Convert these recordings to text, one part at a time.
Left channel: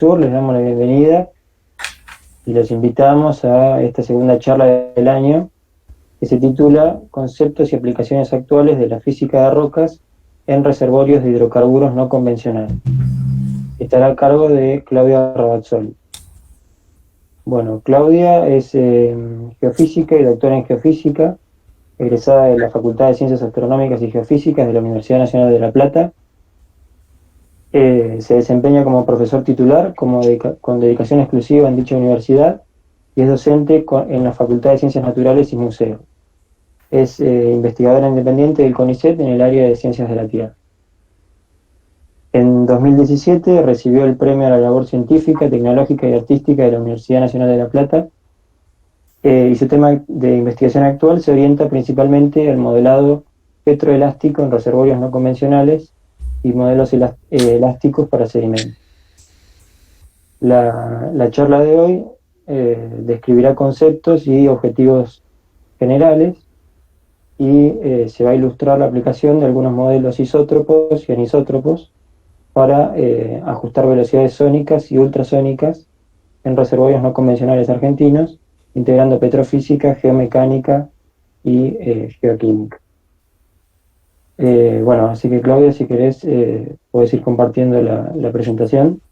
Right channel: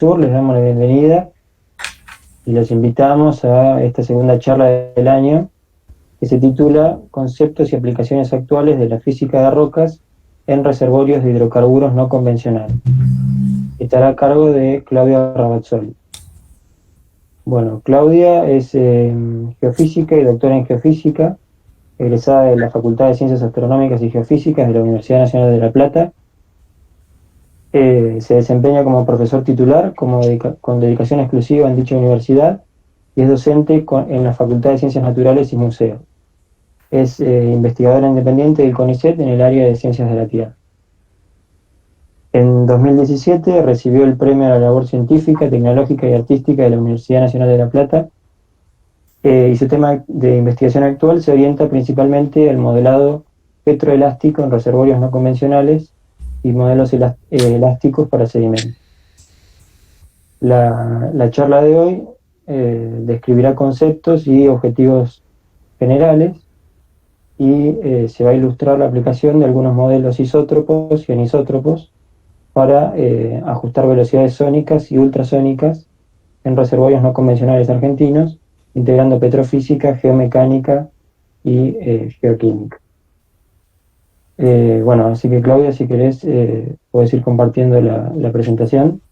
Sur, les damos la bienvenida y los invitamos a esta segunda charla del año que se titula Conceptos y aplicaciones actuales de la física de rocas en reservorios de hidrocarburos no convencionales. Estará a cargo de Claudia Rabazzoli. Bueno, Claudia es geofísica y doctora en geofísica, egresada de la Facultad de Ciencias Astronómicas y Geofísicas de la Universidad Nacional de La Plata. Se desempeña como profesor titular con dedicación exclusiva en dicha universidad y es docente en la Facultad de Ciencias Naturales y Museos. Es investigadora independiente del CONICET en el área de Ciencias de la Tierra. En 2017 recibió el Premio a la Labor Científica, Tecnológica y Artística de la Universidad Nacional de La Plata y su tema de investigación actual se orienta principalmente al modelado petroelástico en reservorios no convencionales y modelos elásticos para sedimentos. La charla de hoy describirá conceptos y objetivos generales y se va a ilustrar la aplicación de algunos modelos isótropos y anisótropos para ajustar velocidades sónicas y ultrasónicas en reservorios no convencionales argentinos, integrando petrofísica, geomecánica y geoquímica. Bueno, así que Claudia, si querés, podés ir compartiendo la presentación.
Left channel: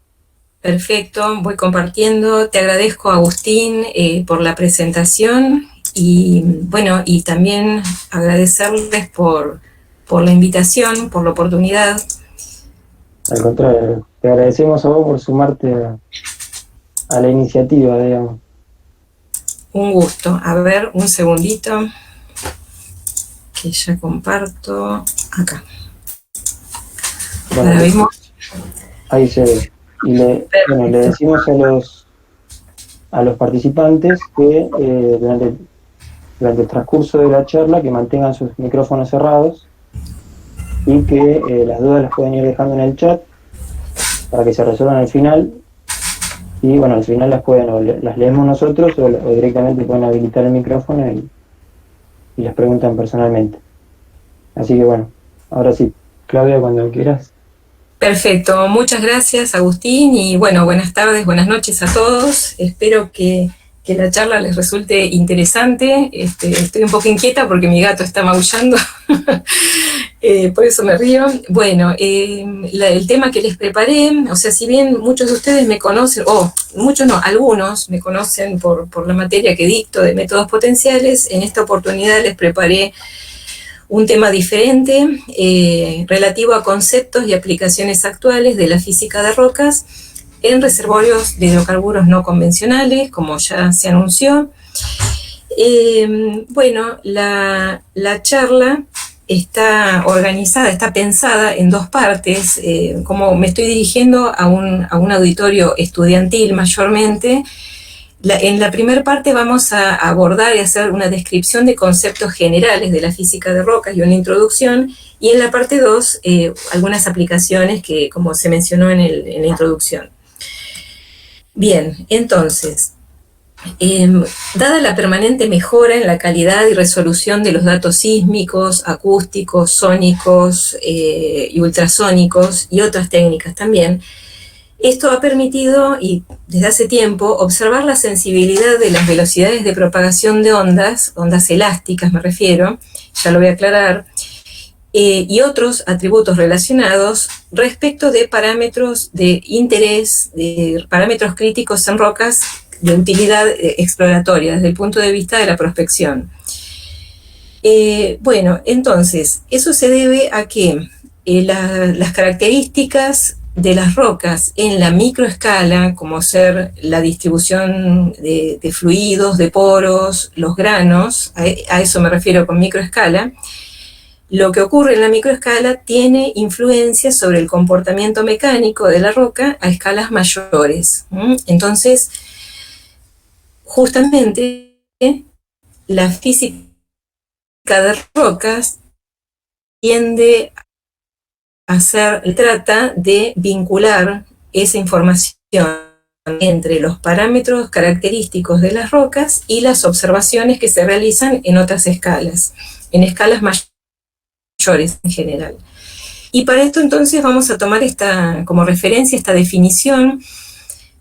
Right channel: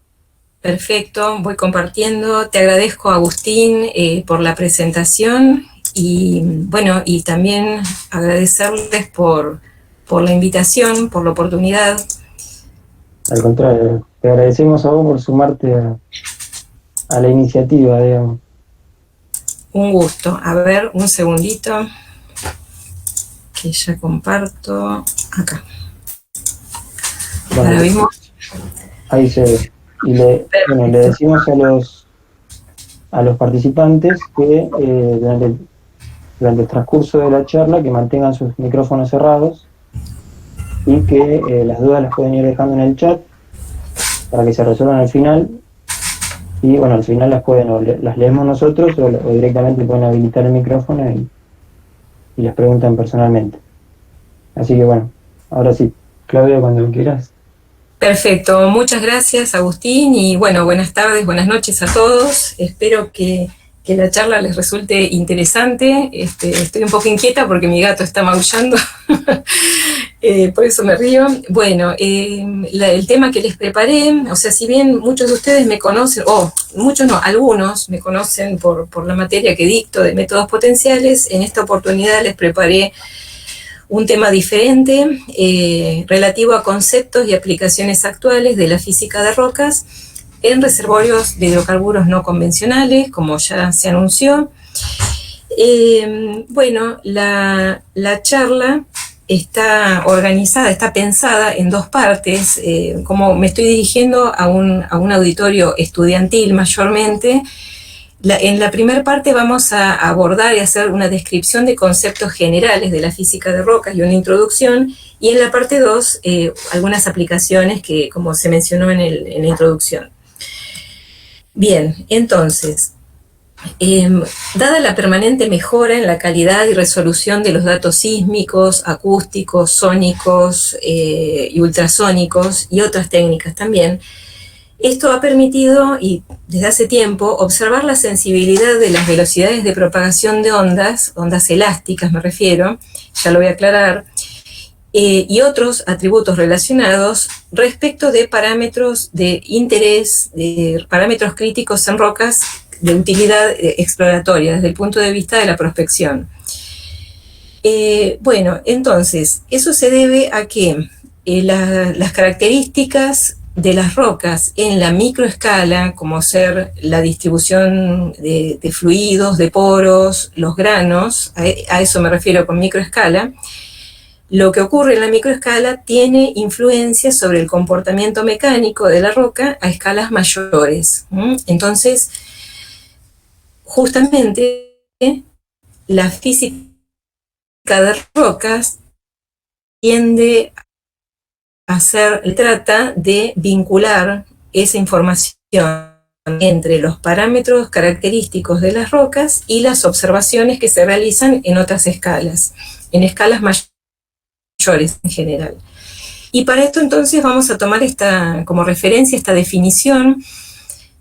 Perfecto, voy compartiendo. Te agradezco, Agustín, por la presentación y bueno, y también agradecerles por la invitación, por la oportunidad. Al contrario, te agradecemos a vos por sumarte a la iniciativa, digamos. Un gusto. A ver, un segundito, que ya comparto acá. Bueno, ¿La vimos? ahí se ve. Y le decimos a los participantes que durante el transcurso de la charla que mantengan sus micrófonos cerrados y que las dudas las pueden ir dejando en el chat para que se resuelvan al final. Y bueno, al final las leemos nosotros o directamente pueden habilitar el micrófono y las preguntan personalmente. Así que bueno, ahora sí, Claudia, cuando quieras. Perfecto, muchas gracias, Agustín, y bueno, buenas tardes, buenas noches a todos. Espero que la charla les resulte interesante. Estoy un poco inquieta porque mi gato está maullando, por eso me río. Bueno, el tema que les preparé, o sea, si bien muchos de ustedes me conocen, muchos no, algunos me conocen por la materia que dicto de métodos potenciales, en esta oportunidad les preparé un tema diferente relativo a conceptos y aplicaciones actuales de la física de rocas en reservorios de hidrocarburos no convencionales, como ya se anunció. Bueno, la charla está organizada, está pensada en dos partes. Como me estoy dirigiendo a un auditorio estudiantil mayormente, en la primera parte vamos a abordar y hacer una descripción de conceptos generales de la física de rocas y una introducción, y en la parte 2 algunas aplicaciones que, como se mencionó en la introducción. Bien, entonces, dada la permanente mejora en la calidad y resolución de los datos sísmicos, acústicos, sónicos y ultrasónicos y otras técnicas también, esto ha permitido, y desde hace tiempo, observar la sensibilidad de las velocidades de propagación de ondas elásticas me refiero, ya lo voy a aclarar, y otros atributos relacionados respecto de parámetros de interés, de parámetros críticos en rocas de utilidad exploratoria desde el punto de vista de la prospección. Bueno, entonces, eso se debe a que las características de las rocas en la microescala, como ser la distribución de fluidos, de poros, los granos, a eso me refiero con microescala, lo que ocurre en la microescala tiene influencia sobre el comportamiento mecánico de la roca a escalas mayores. Entonces, justamente, la física de rocas trata de vincular esa información entre los parámetros característicos de las rocas y las observaciones que se realizan en otras escalas, en escalas mayores en general. Y para esto entonces vamos a tomar como referencia esta definición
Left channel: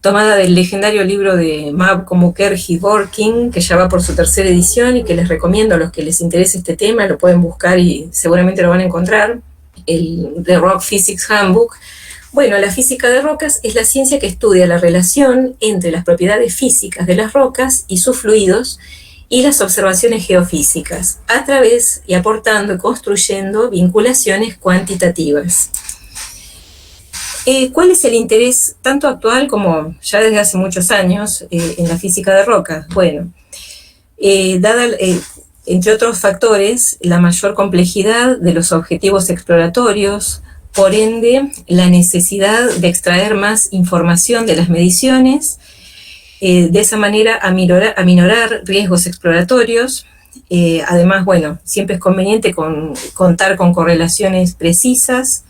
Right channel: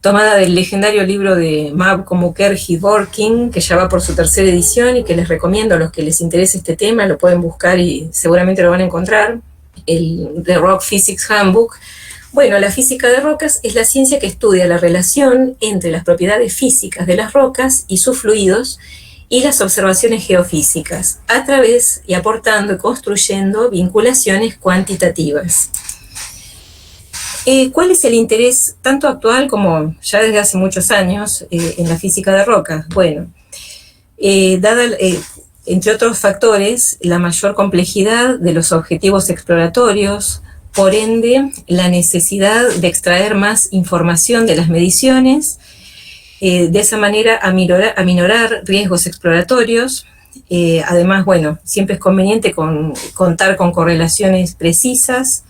tomada del legendario libro de Mavko Mukherjee-Dworkin, que ya va por su tercera edición y que les recomiendo a los que les interese este tema, lo pueden buscar y seguramente lo van a encontrar, el The Rock Physics Handbook. Bueno, la física de rocas es la ciencia que estudia la relación entre las propiedades físicas de las rocas y sus fluidos y las observaciones geofísicas, a través y aportando y construyendo vinculaciones cuantitativas. ¿Cuál es el interés tanto actual como ya desde hace muchos años en la física de rocas? Bueno, dada, entre otros factores, la mayor complejidad de los objetivos exploratorios, por ende, la necesidad de extraer más información de las mediciones, de esa manera aminorar riesgos exploratorios. Además, bueno, siempre es conveniente contar con correlaciones precisas.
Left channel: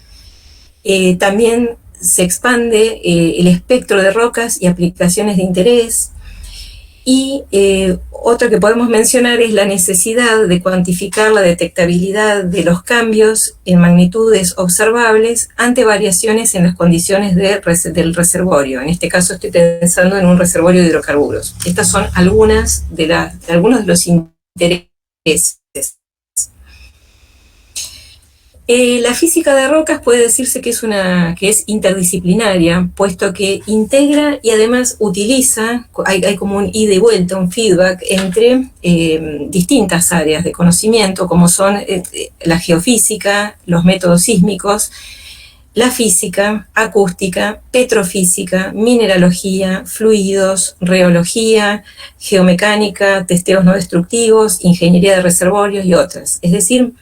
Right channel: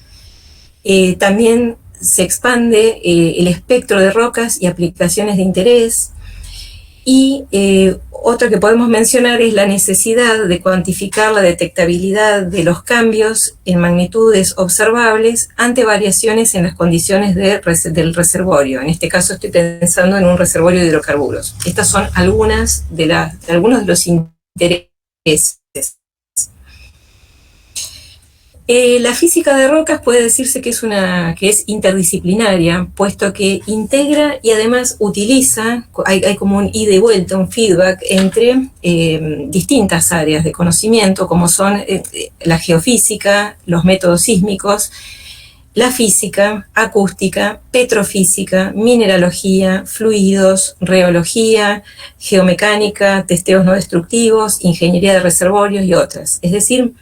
También se expande el espectro de rocas y aplicaciones de interés. Y otra que podemos mencionar es la necesidad de cuantificar la detectabilidad de los cambios en magnitudes observables ante variaciones en las condiciones del reservorio. En este caso estoy pensando en un reservorio de hidrocarburos. Estas son algunos de los intereses. La física de rocas puede decirse que es interdisciplinaria, puesto que integra y además utiliza, hay como un ida y vuelta, un feedback entre distintas áreas de conocimiento, como son la geofísica, los métodos sísmicos, la física, acústica, petrofísica, mineralogía, fluidos, reología, geomecánica, testeos no destructivos, ingeniería de reservorios y otras. Es decir,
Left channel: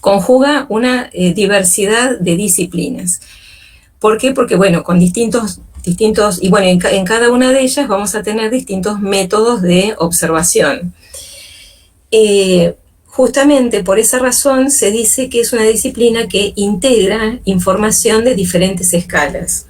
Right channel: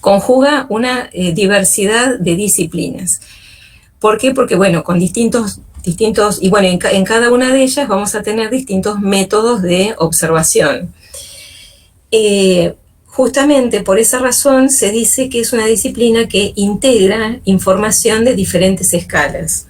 conjuga una diversidad de disciplinas. ¿Por qué? Porque, bueno, con distintos y bueno, en cada una de ellas vamos a tener distintos métodos de observación. Justamente por esa razón se dice que es una disciplina que integra información de diferentes escalas.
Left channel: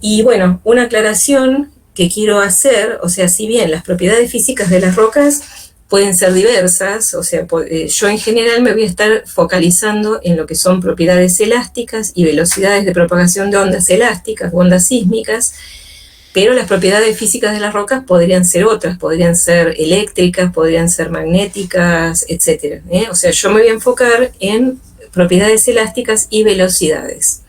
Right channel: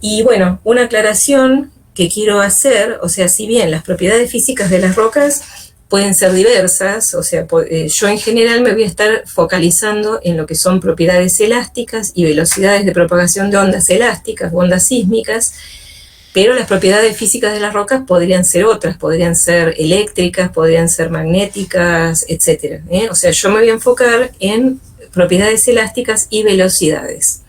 Y bueno, una aclaración que quiero hacer, o sea, si bien las propiedades físicas de las rocas pueden ser diversas, o sea, yo en general me voy a estar focalizando en lo que son propiedades elásticas y velocidades de propagación de ondas elásticas, ondas sísmicas, pero las propiedades físicas de las rocas podrían ser otras, podrían ser eléctricas, podrían ser magnéticas, etc. O sea, yo me voy a enfocar en propiedades elásticas y velocidades.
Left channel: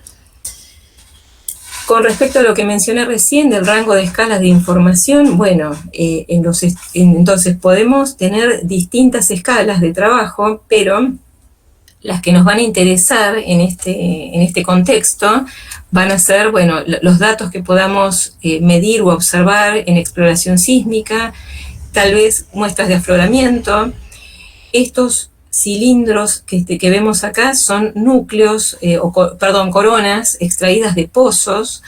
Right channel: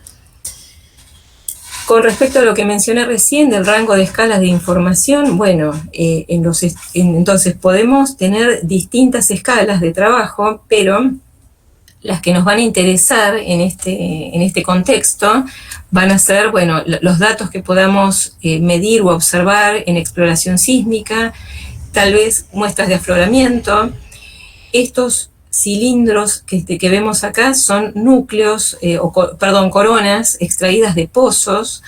Con respecto a lo que mencioné recién del rango de escalas de información, bueno, entonces podemos tener distintas escalas de trabajo, pero las que nos van a interesar en este contexto van a ser, bueno, los datos que podamos medir o observar en exploración sísmica, tal vez muestras de afloramiento. Estos cilindros que vemos acá son núcleos, coronas extraídas de pozos.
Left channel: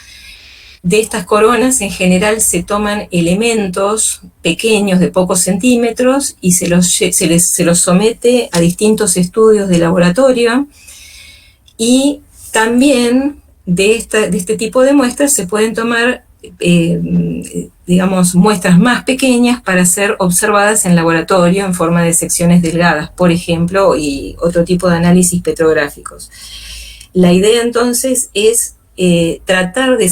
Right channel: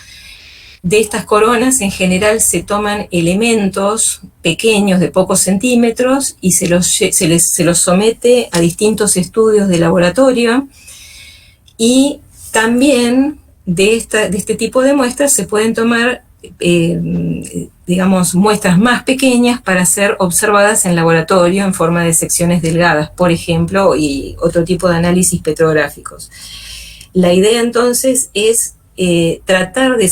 De estas coronas en general se toman elementos pequeños de pocos centímetros y se los somete a distintos estudios de laboratorio, y también de este tipo de muestras se pueden tomar digamos, muestras más pequeñas para ser observadas en laboratorio en forma de secciones delgadas, por ejemplo, y otro tipo de análisis petrográficos. La idea entonces es tratar de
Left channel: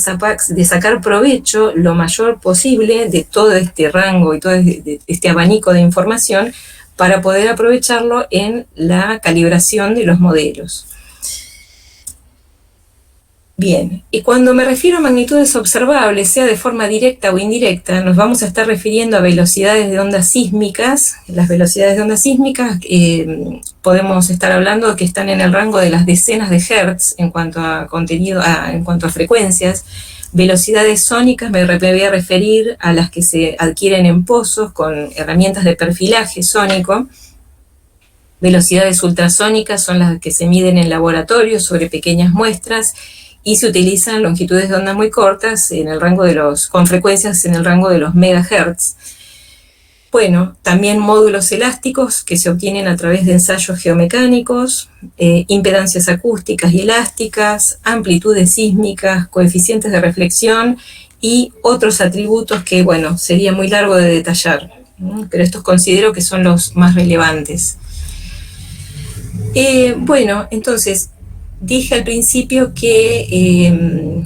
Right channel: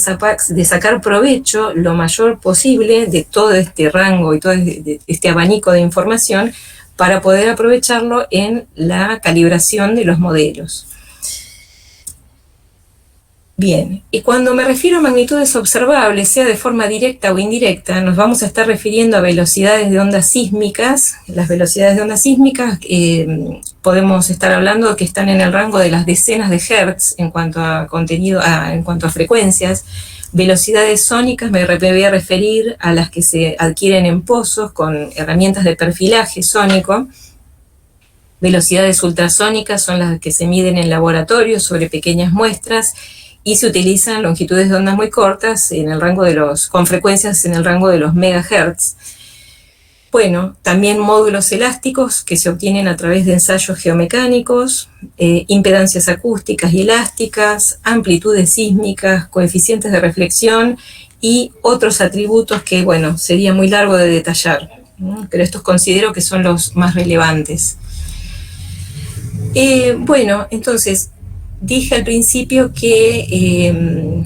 sacar provecho lo mayor posible de todo este rango y todo este abanico de información para poder aprovecharlo en la calibración de los modelos. Bien, y cuando me refiero a magnitudes observables, sea de forma directa o indirecta, nos vamos a estar refiriendo a velocidades de ondas sísmicas. Las velocidades de ondas sísmicas podemos estar hablando que están en el rango de las decenas de hertz en cuanto a contenido, en cuanto a frecuencias. Velocidades sónicas me voy a referir a las que se adquieren en pozos con herramientas de perfilaje sónico. Velocidades ultrasónicas son las que se miden en laboratorio sobre pequeñas muestras, y se utilizan longitudes de onda muy cortas con frecuencias en el rango de los megahertz. Bueno, también módulos elásticos que se obtienen a través de ensayos geomecánicos, impedancias acústicas y elásticas, amplitudes sísmicas, coeficientes de reflexión y otros atributos que, bueno, sería muy largo de detallar, ¿no? Pero estos considero que son los más relevantes. Bueno, entonces, dije al principio que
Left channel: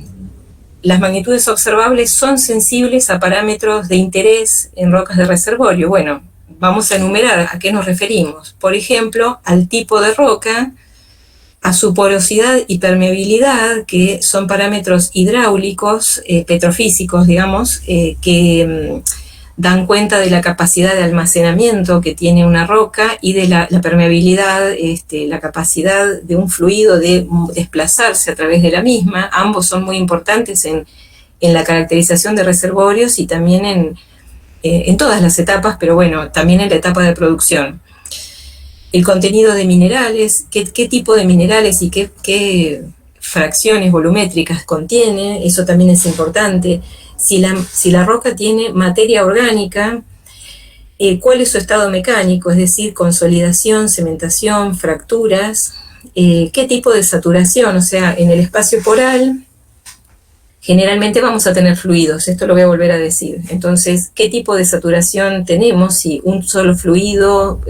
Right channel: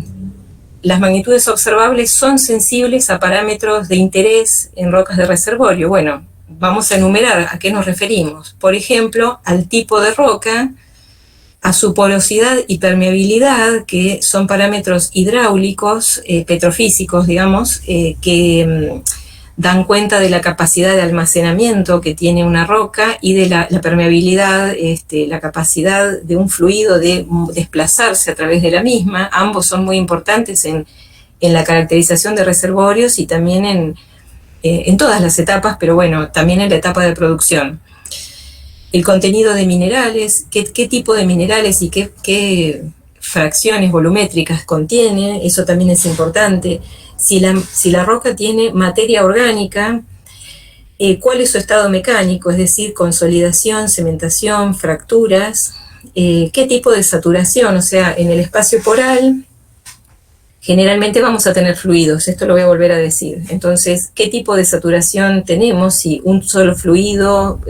las magnitudes observables son sensibles a parámetros de interés en rocas de reservorio. Bueno, vamos a enumerar a qué nos referimos. Por ejemplo, al tipo de roca, a su porosidad y permeabilidad, que son parámetros hidráulicos, petrofísicos, digamos, que dan cuenta de la capacidad de almacenamiento que tiene una roca y de la permeabilidad, la capacidad de un fluido de desplazarse a través de la misma. Ambos son muy importantes en la caracterización de reservorios y también en todas las etapas, pero bueno, también en la etapa de producción. El contenido de minerales, qué tipo de minerales y qué fracciones volumétricas contiene, eso también es importante. Si la roca tiene materia orgánica, cuál es su estado mecánico, es decir, consolidación, cementación, fracturas, qué tipo de saturación, o sea, en el espacio poral generalmente vamos a tener fluidos, esto lo voy a volver a decir. Entonces, ¿qué tipo de saturación tenemos? Si un solo fluido,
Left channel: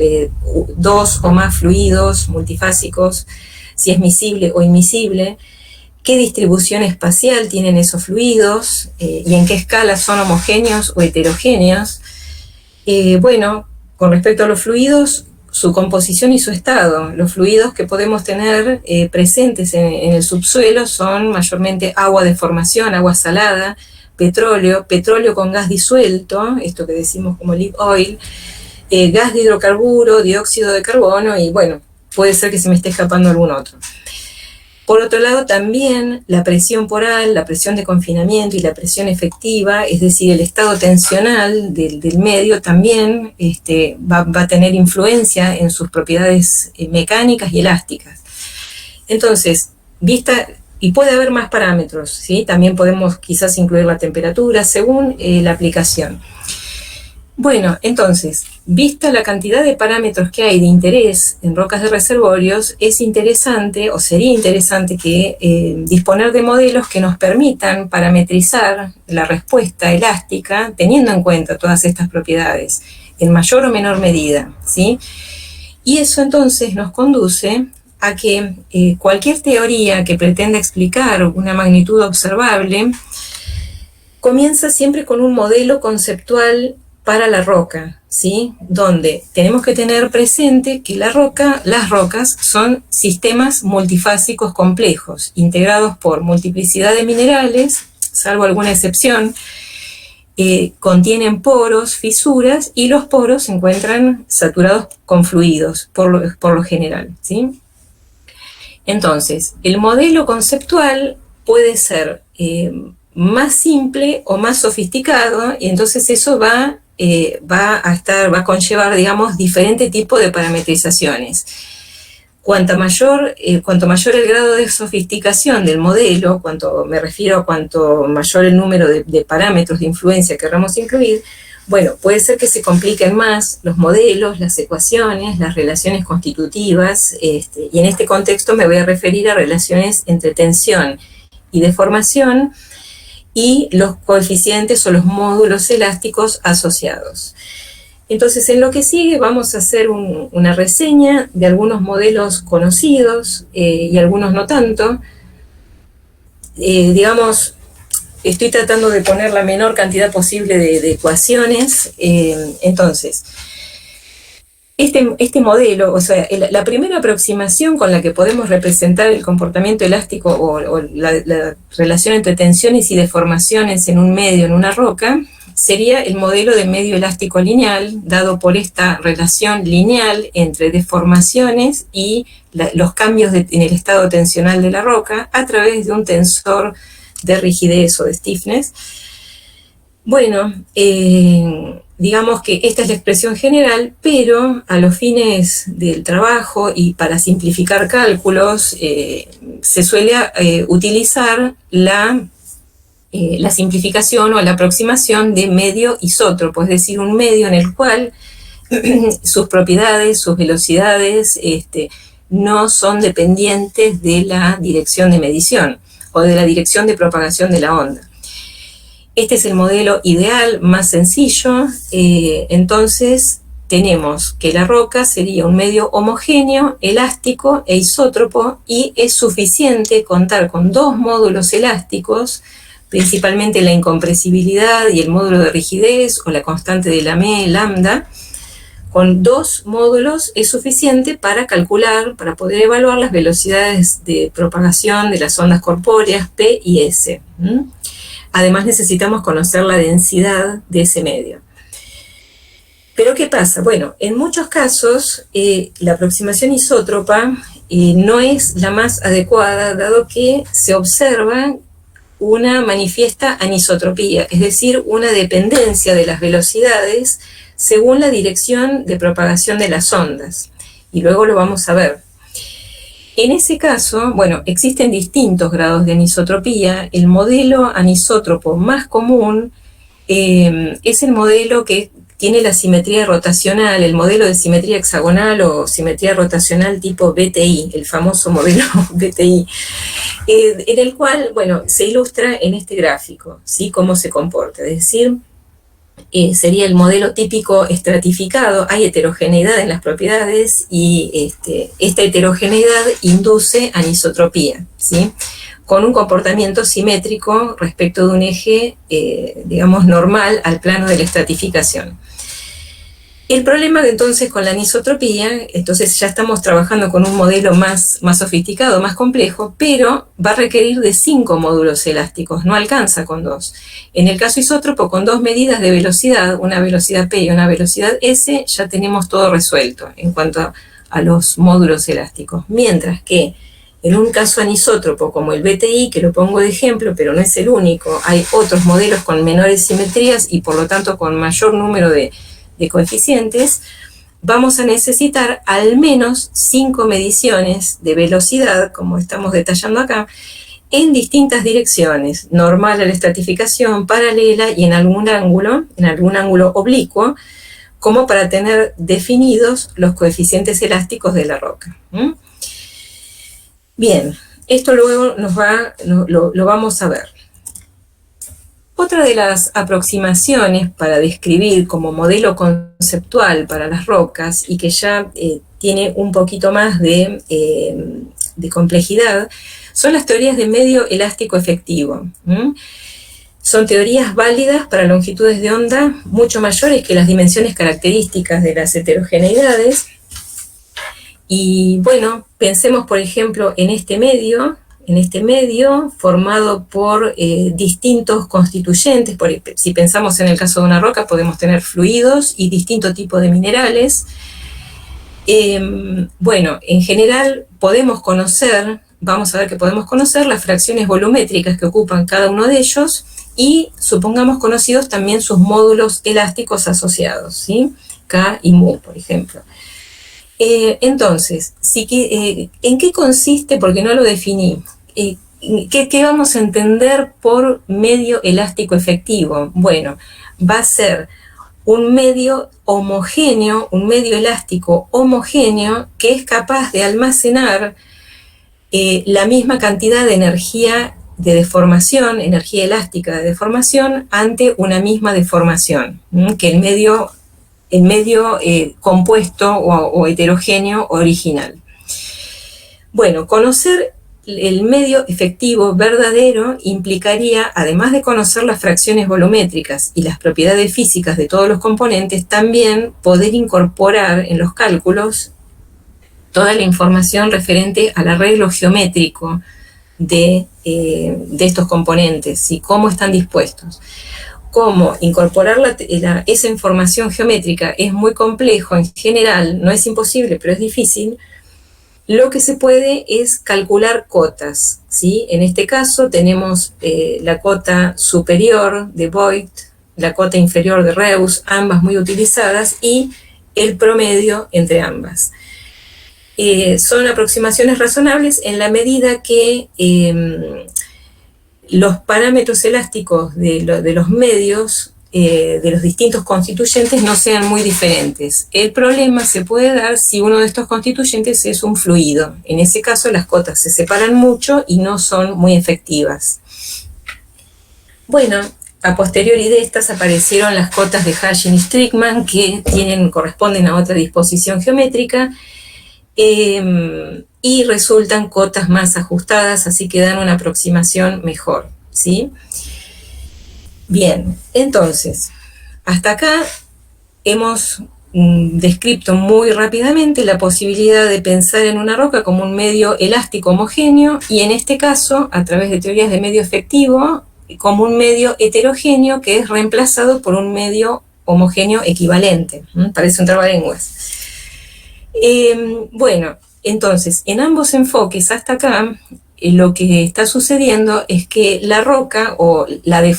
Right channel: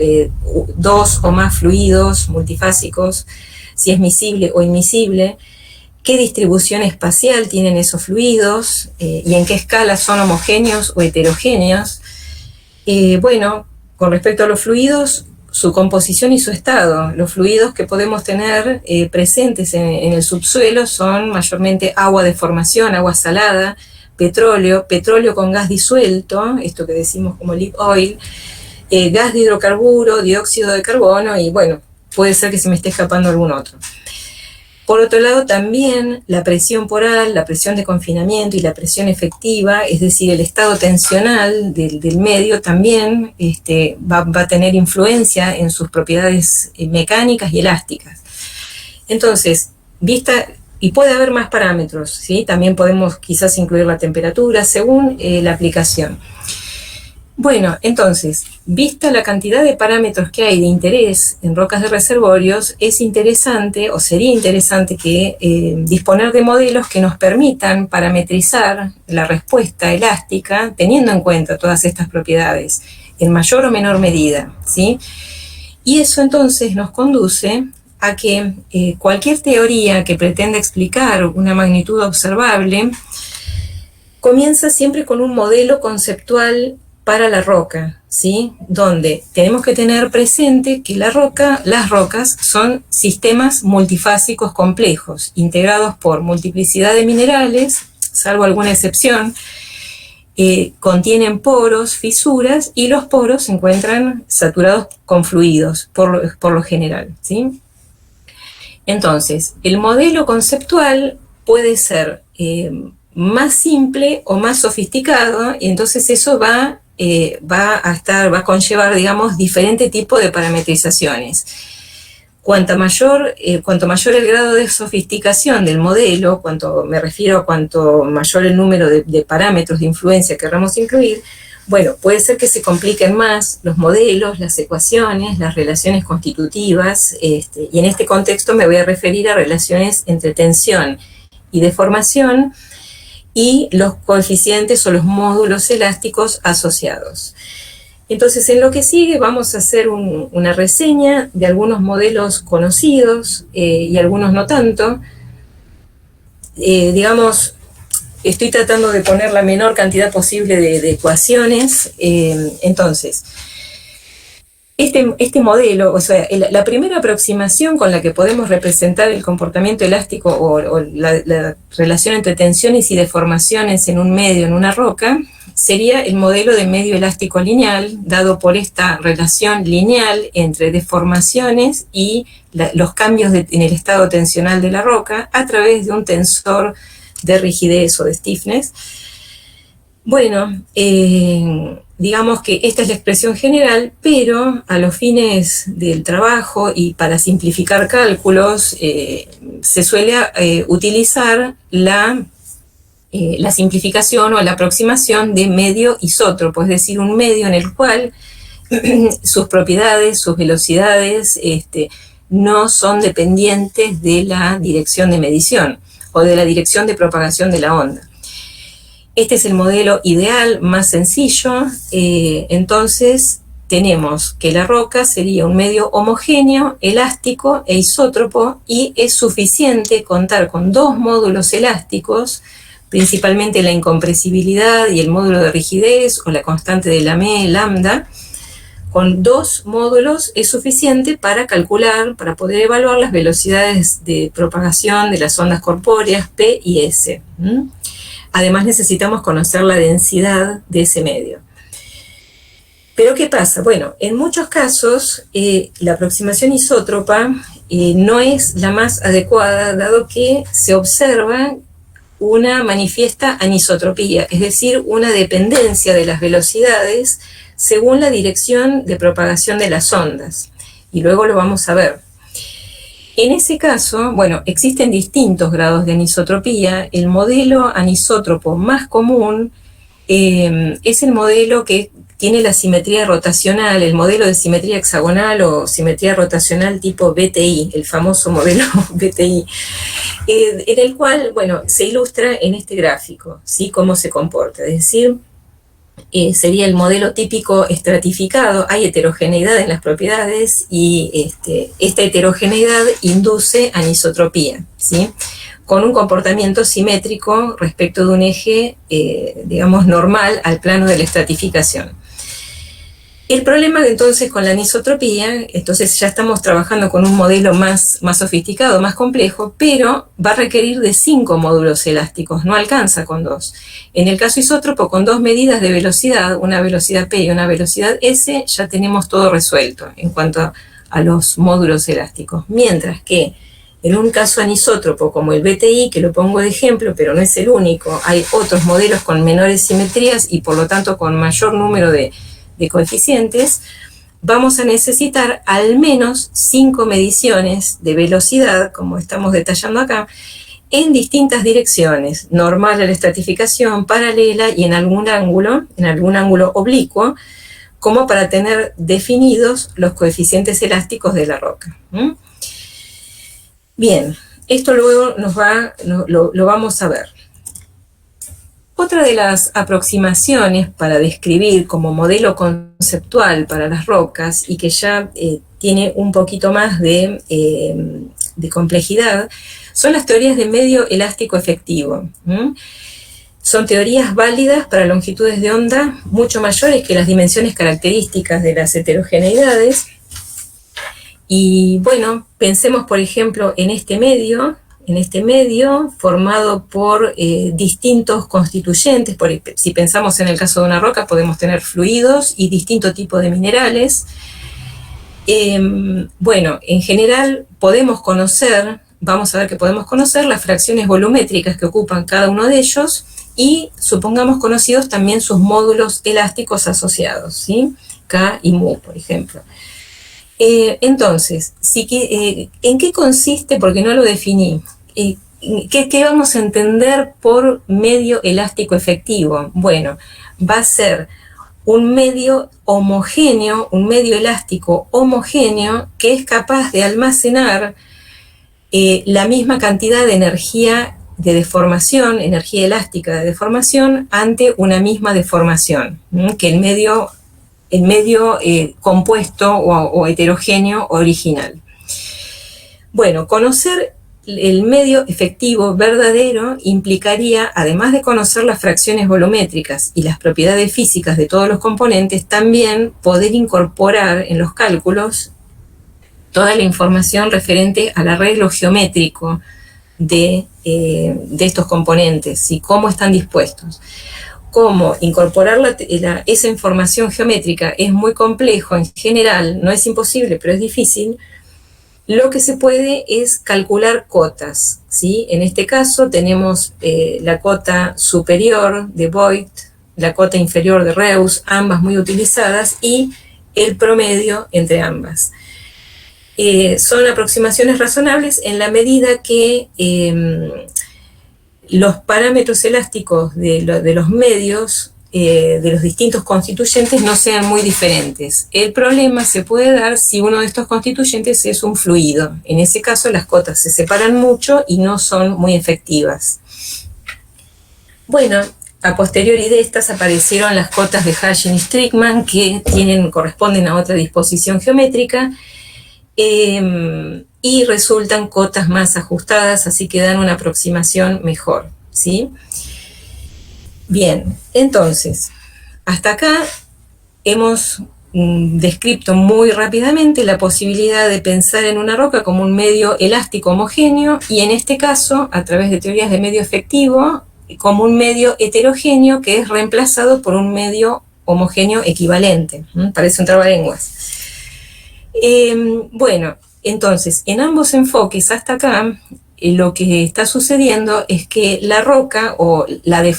dos o más fluidos multifásicos, si es miscible o inmiscible, qué distribución espacial tienen esos fluidos y en qué escala son homogéneos o heterogéneos. Bueno, con respecto a los fluidos, su composición y su estado. Los fluidos que podemos tener presentes en el subsuelo son mayormente agua de formación, agua salada, petróleo con gas disuelto, esto que decimos como lip oil, gas de hidrocarburo, dióxido de carbono y bueno, puede ser que se me esté escapando algún otro. Por otro lado, también la presión poral, la presión de confinamiento y la presión efectiva, es decir, el estado tensional del medio también va a tener influencia en sus propiedades mecánicas y elásticas. Entonces, y puede haber más parámetros, ¿sí? También podemos quizás incluir la temperatura según la aplicación. Bueno, entonces, vista la cantidad de parámetros que hay de interés en rocas de reservorios, es interesante o sería interesante que disponer de modelos que nos permitan parametrizar la respuesta elástica teniendo en cuenta todas estas propiedades en mayor o menor medida, ¿sí? Y eso entonces nos conduce a que cualquier teoría que pretenda explicar una magnitud observable comienza siempre con un modelo conceptual para la roca, ¿sí? Donde tenemos que tener presente que las rocas son sistemas multifásicos complejos, integrados por multiplicidad de minerales, salvo alguna excepción, contienen poros, fisuras, y los poros se encuentran saturados con fluidos, por lo general, ¿sí? Entonces, el modelo conceptual puede ser más simple o más sofisticado, y entonces eso va a conllevar, digamos, diferente tipo de parametrizaciones. Cuanto mayor el grado de sofisticación del modelo, me refiero a cuanto mayor el número de parámetros de influencia que queramos incluir, bueno, puede ser que se compliquen más los modelos, las ecuaciones, las relaciones constitutivas, y en este contexto me voy a referir a relaciones entre tensión y deformación, y los coeficientes o los módulos elásticos asociados. Entonces, en lo que sigue vamos a hacer una reseña de algunos modelos conocidos y algunos no tanto. Digamos, estoy tratando de poner la menor cantidad posible de ecuaciones. Entonces, este modelo, o sea, la primera aproximación con la que podemos representar el comportamiento elástico o la relación entre tensiones y deformaciones en un medio, en una roca, sería el modelo de medio elástico lineal, dado por esta relación lineal entre deformaciones y los cambios en el estado tensional de la roca a través de un tensor de rigidez o de stiffness. Bueno, digamos que esta es la expresión general, pero a los fines del trabajo y para simplificar cálculos, se suele utilizar la simplificación o la aproximación de medio isótropo, es decir, un medio en el cual sus propiedades, sus velocidades, no son dependientes de la dirección de medición o de la dirección de propagación de la onda. Este es el modelo ideal, más sencillo. Entonces tenemos que la roca sería un medio homogéneo, elástico e isótropo, y es suficiente contar con dos módulos elásticos principalmente la incompresibilidad y el módulo de rigidez o la constante de Lamé, lambda. Con 2 módulos es suficiente para calcular, para poder evaluar las velocidades de propagación de las ondas corpóreas P y S. Además necesitamos conocer la densidad de ese medio. Pero ¿qué pasa? Bueno, en muchos casos la aproximación isótropa no es la más adecuada, dado que se observa una manifiesta anisotropía, es decir, una dependencia de las velocidades según la dirección de propagación de las ondas. Y luego lo vamos a ver. En ese caso, bueno, existen distintos grados de anisotropía. El modelo anisótropo más común es el modelo que tiene la simetría rotacional, el modelo de simetría hexagonal o simetría rotacional tipo BTI, el famoso modelo BTI, en el cual, bueno, se ilustra en este gráfico, ¿sí? Cómo se comporta, es decir, sería el modelo típico estratificado. Hay heterogeneidad en las propiedades y esta heterogeneidad induce anisotropía, ¿sí? Con un comportamiento simétrico respecto de un eje, digamos, normal al plano de la estratificación. El problema entonces con la anisotropía, entonces ya estamos trabajando con un modelo más sofisticado, más complejo, pero va a requerir de 5 módulos elásticos, no alcanza con 2. En el caso isótropo, con 2 medidas de velocidad, una velocidad P y una velocidad S, ya tenemos todo resuelto en cuanto a los módulos elásticos. Mientras que en un caso anisótropo como el BTI, que lo pongo de ejemplo, pero no es el único, hay otros modelos con menores simetrías y por lo tanto con mayor número de coeficientes, vamos a necesitar al menos 5 mediciones de velocidad, como estamos detallando acá, en distintas direcciones, normal a la estratificación, paralela y en algún ángulo oblicuo, como para tener definidos los coeficientes elásticos de la roca. Bien, esto luego lo vamos a ver. Otra de las aproximaciones para describir como modelo conceptual para las rocas y que ya tiene un poquito más de complejidad son las teorías de medio elástico efectivo. Son teorías válidas para longitudes de onda mucho mayores que las dimensiones características de las heterogeneidades. Y bueno, pensemos por ejemplo en este medio formado por distintos constituyentes. Si pensamos en el caso de una roca, podemos tener fluidos y distinto tipo de minerales. Bueno, en general vamos a ver que podemos conocer las fracciones volumétricas que ocupan cada uno de ellos y supongamos conocidos también sus módulos elásticos asociados, ¿sí? K y mu, por ejemplo. Entonces, ¿en qué consiste? Porque no lo definí. ¿Qué vamos a entender por medio elástico efectivo? Bueno, va a ser un medio homogéneo, un medio elástico homogéneo que es capaz de almacenar la misma cantidad de energía de deformación, energía elástica de deformación, ante una misma deformación, que el medio compuesto o heterogéneo original. Bueno, conocer el medio efectivo verdadero implicaría, además de conocer las fracciones volumétricas y las propiedades físicas de todos los componentes, también poder incorporar en los cálculos toda la información referente al arreglo geométrico de estos componentes y cómo están dispuestos. Cómo incorporar esa información geométrica es muy complejo en general, no es imposible, pero es difícil. Lo que se puede es calcular cotas, ¿sí? En este caso tenemos la cota superior de Voigt, la cota inferior de Reuss, ambas muy utilizadas, y el promedio entre ambas. Son aproximaciones razonables en la medida que los parámetros elásticos de los medios de los distintos constituyentes no sean muy diferentes. El problema se puede dar si uno de estos constituyentes es un fluido. En ese caso las cotas se separan mucho y no son muy efectivas. Bueno, a posteriori de estas aparecieron las cotas de Hashing y Strickman, que corresponden a otra disposición geométrica, y resultan cotas más ajustadas, así que dan una aproximación mejor, ¿sí? Bien, entonces, hasta acá hemos descrito muy rápidamente la posibilidad de pensar en una roca como un medio elástico homogéneo y en este caso, a través de teorías de medio efectivo, como un medio heterogéneo que es reemplazado por un medio homogéneo equivalente. Parece un trabalenguas. Bueno, entonces, en ambos enfoques hasta acá, lo que está sucediendo es que la roca, o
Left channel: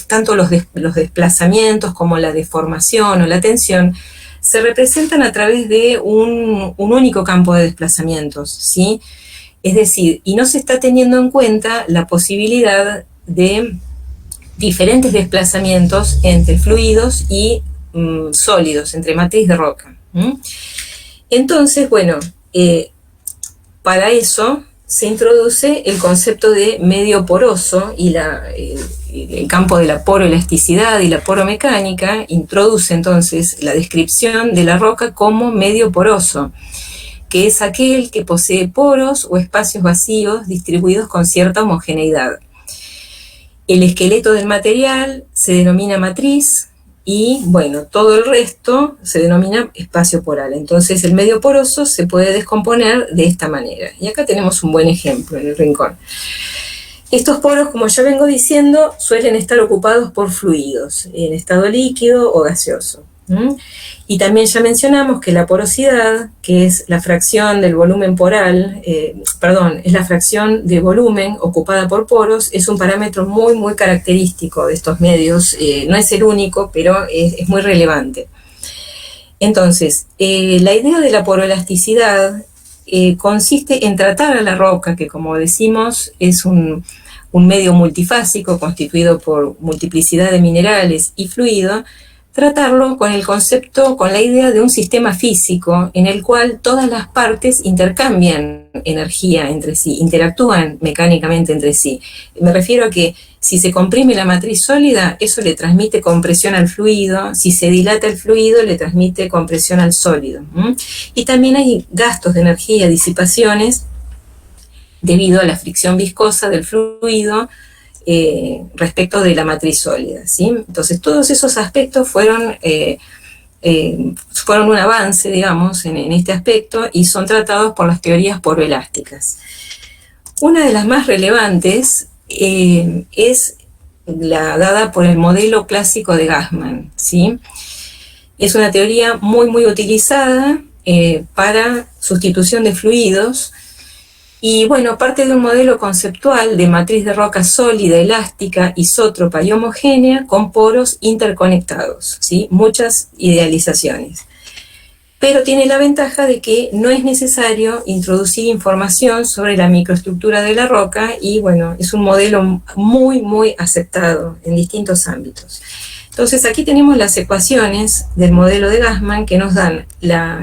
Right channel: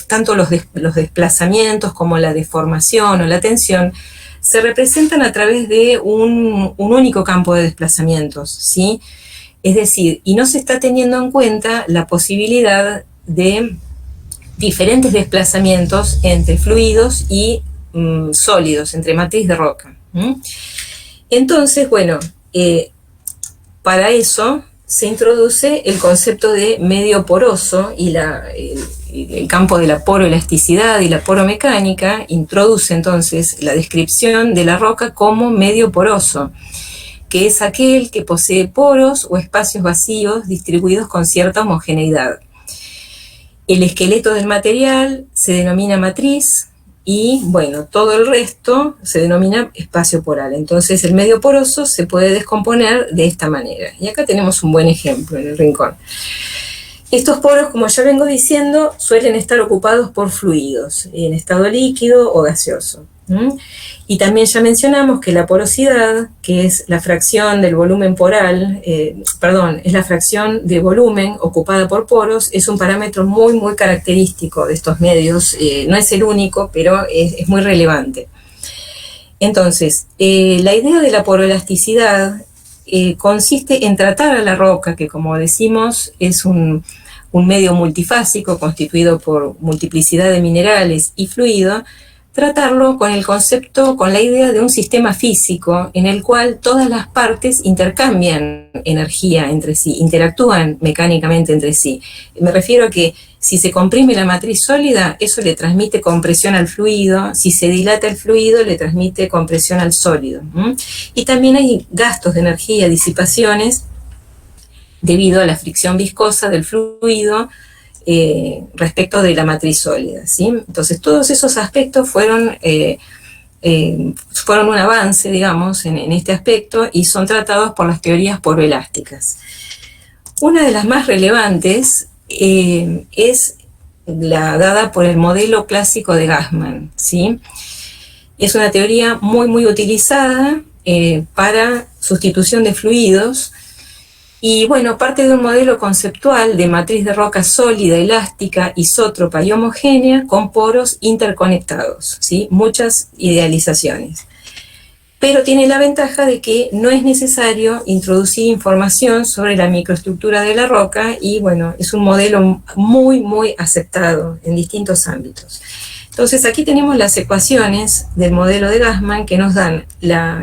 tanto los desplazamientos como la deformación o la tensión, se representan a través de un único campo de desplazamientos, ¿sí? Es decir, y no se está teniendo en cuenta la posibilidad de diferentes desplazamientos entre fluidos y sólidos, entre matriz de roca. Entonces, bueno, para eso se introduce el concepto de medio poroso y el campo de la poroelasticidad y la poromecánica introduce entonces la descripción de la roca como medio poroso, que es aquel que posee poros o espacios vacíos distribuidos con cierta homogeneidad. El esqueleto del material se denomina matriz y, bueno, todo el resto se denomina espacio poral. Entonces, el medio poroso se puede descomponer de esta manera. Y acá tenemos un buen ejemplo en el rincón. Estos poros, como ya vengo diciendo, suelen estar ocupados por fluidos, en estado líquido o gaseoso. Y también ya mencionamos que la porosidad, que es la fracción del volumen poral, es la fracción de volumen ocupada por poros, es un parámetro muy, muy característico de estos medios. No es el único, pero es muy relevante. Entonces, la idea de la poroelasticidad consiste en tratar a la roca, que como decimos es un medio multifásico constituido por multiplicidad de minerales y fluido, tratarlo con el concepto, con la idea de un sistema físico en el cual todas las partes intercambian energía entre sí, interactúan mecánicamente entre sí. Me refiero a que si se comprime la matriz sólida, eso le transmite compresión al fluido, si se dilata el fluido, le transmite compresión al sólido. Y también hay gastos de energía, disipaciones, debido a la fricción viscosa del fluido, respecto de la matriz sólida, ¿sí? Entonces, todos esos aspectos fueron un avance, digamos, en este aspecto y son tratados por las teorías poroelásticas. Una de las más relevantes es la dada por el modelo clásico de Gassman, ¿sí? Es una teoría muy, muy utilizada para sustitución de fluidos. Y bueno, parte de un modelo conceptual de matriz de roca sólida, elástica, isótropa y homogénea con poros interconectados, ¿sí? Muchas idealizaciones. Pero tiene la ventaja de que no es necesario introducir información sobre la microestructura de la roca y bueno, es un modelo muy, muy aceptado en distintos ámbitos. Entonces aquí tenemos las ecuaciones del modelo de Gassman que nos dan,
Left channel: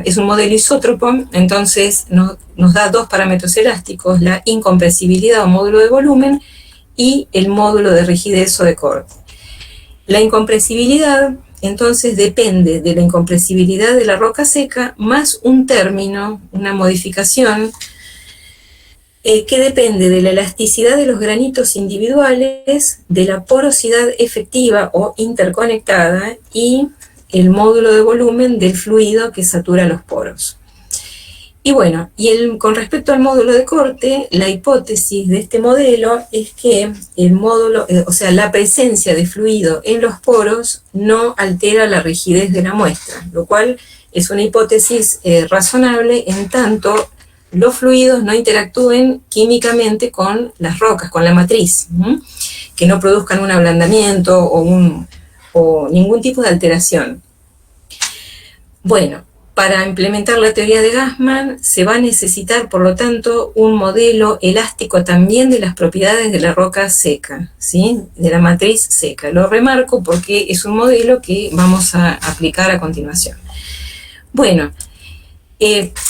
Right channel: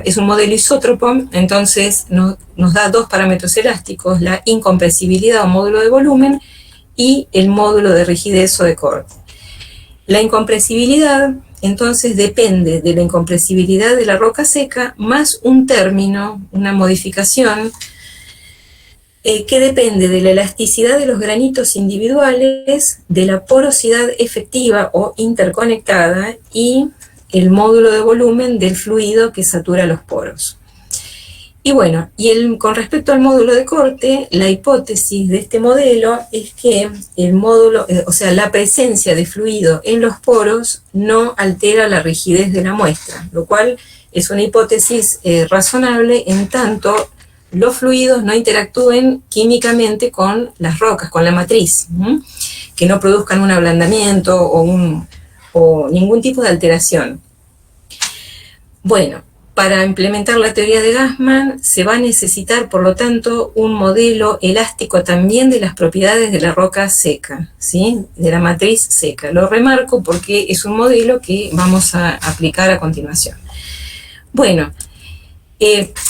es un modelo isótropo, entonces nos da dos parámetros elásticos, la incompresibilidad o módulo de volumen y el módulo de rigidez o de corte. La incompresibilidad entonces depende de la incompresibilidad de la roca seca más un término, una modificación, que depende de la elasticidad de los granitos individuales, de la porosidad efectiva o interconectada y el módulo de volumen del fluido que satura los poros. Y bueno, con respecto al módulo de corte, la hipótesis de este modelo es que el módulo, la presencia de fluido en los poros no altera la rigidez de la muestra, lo cual es una hipótesis razonable en tanto los fluidos no interactúen químicamente con las rocas, con la matriz, que no produzcan un ablandamiento o ningún tipo de alteración. Bueno, para implementar la teoría de Gassman se va a necesitar, por lo tanto, un modelo elástico también de las propiedades de la roca seca, ¿sí? De la matriz seca. Lo remarco porque es un modelo que vamos a aplicar a continuación. Bueno,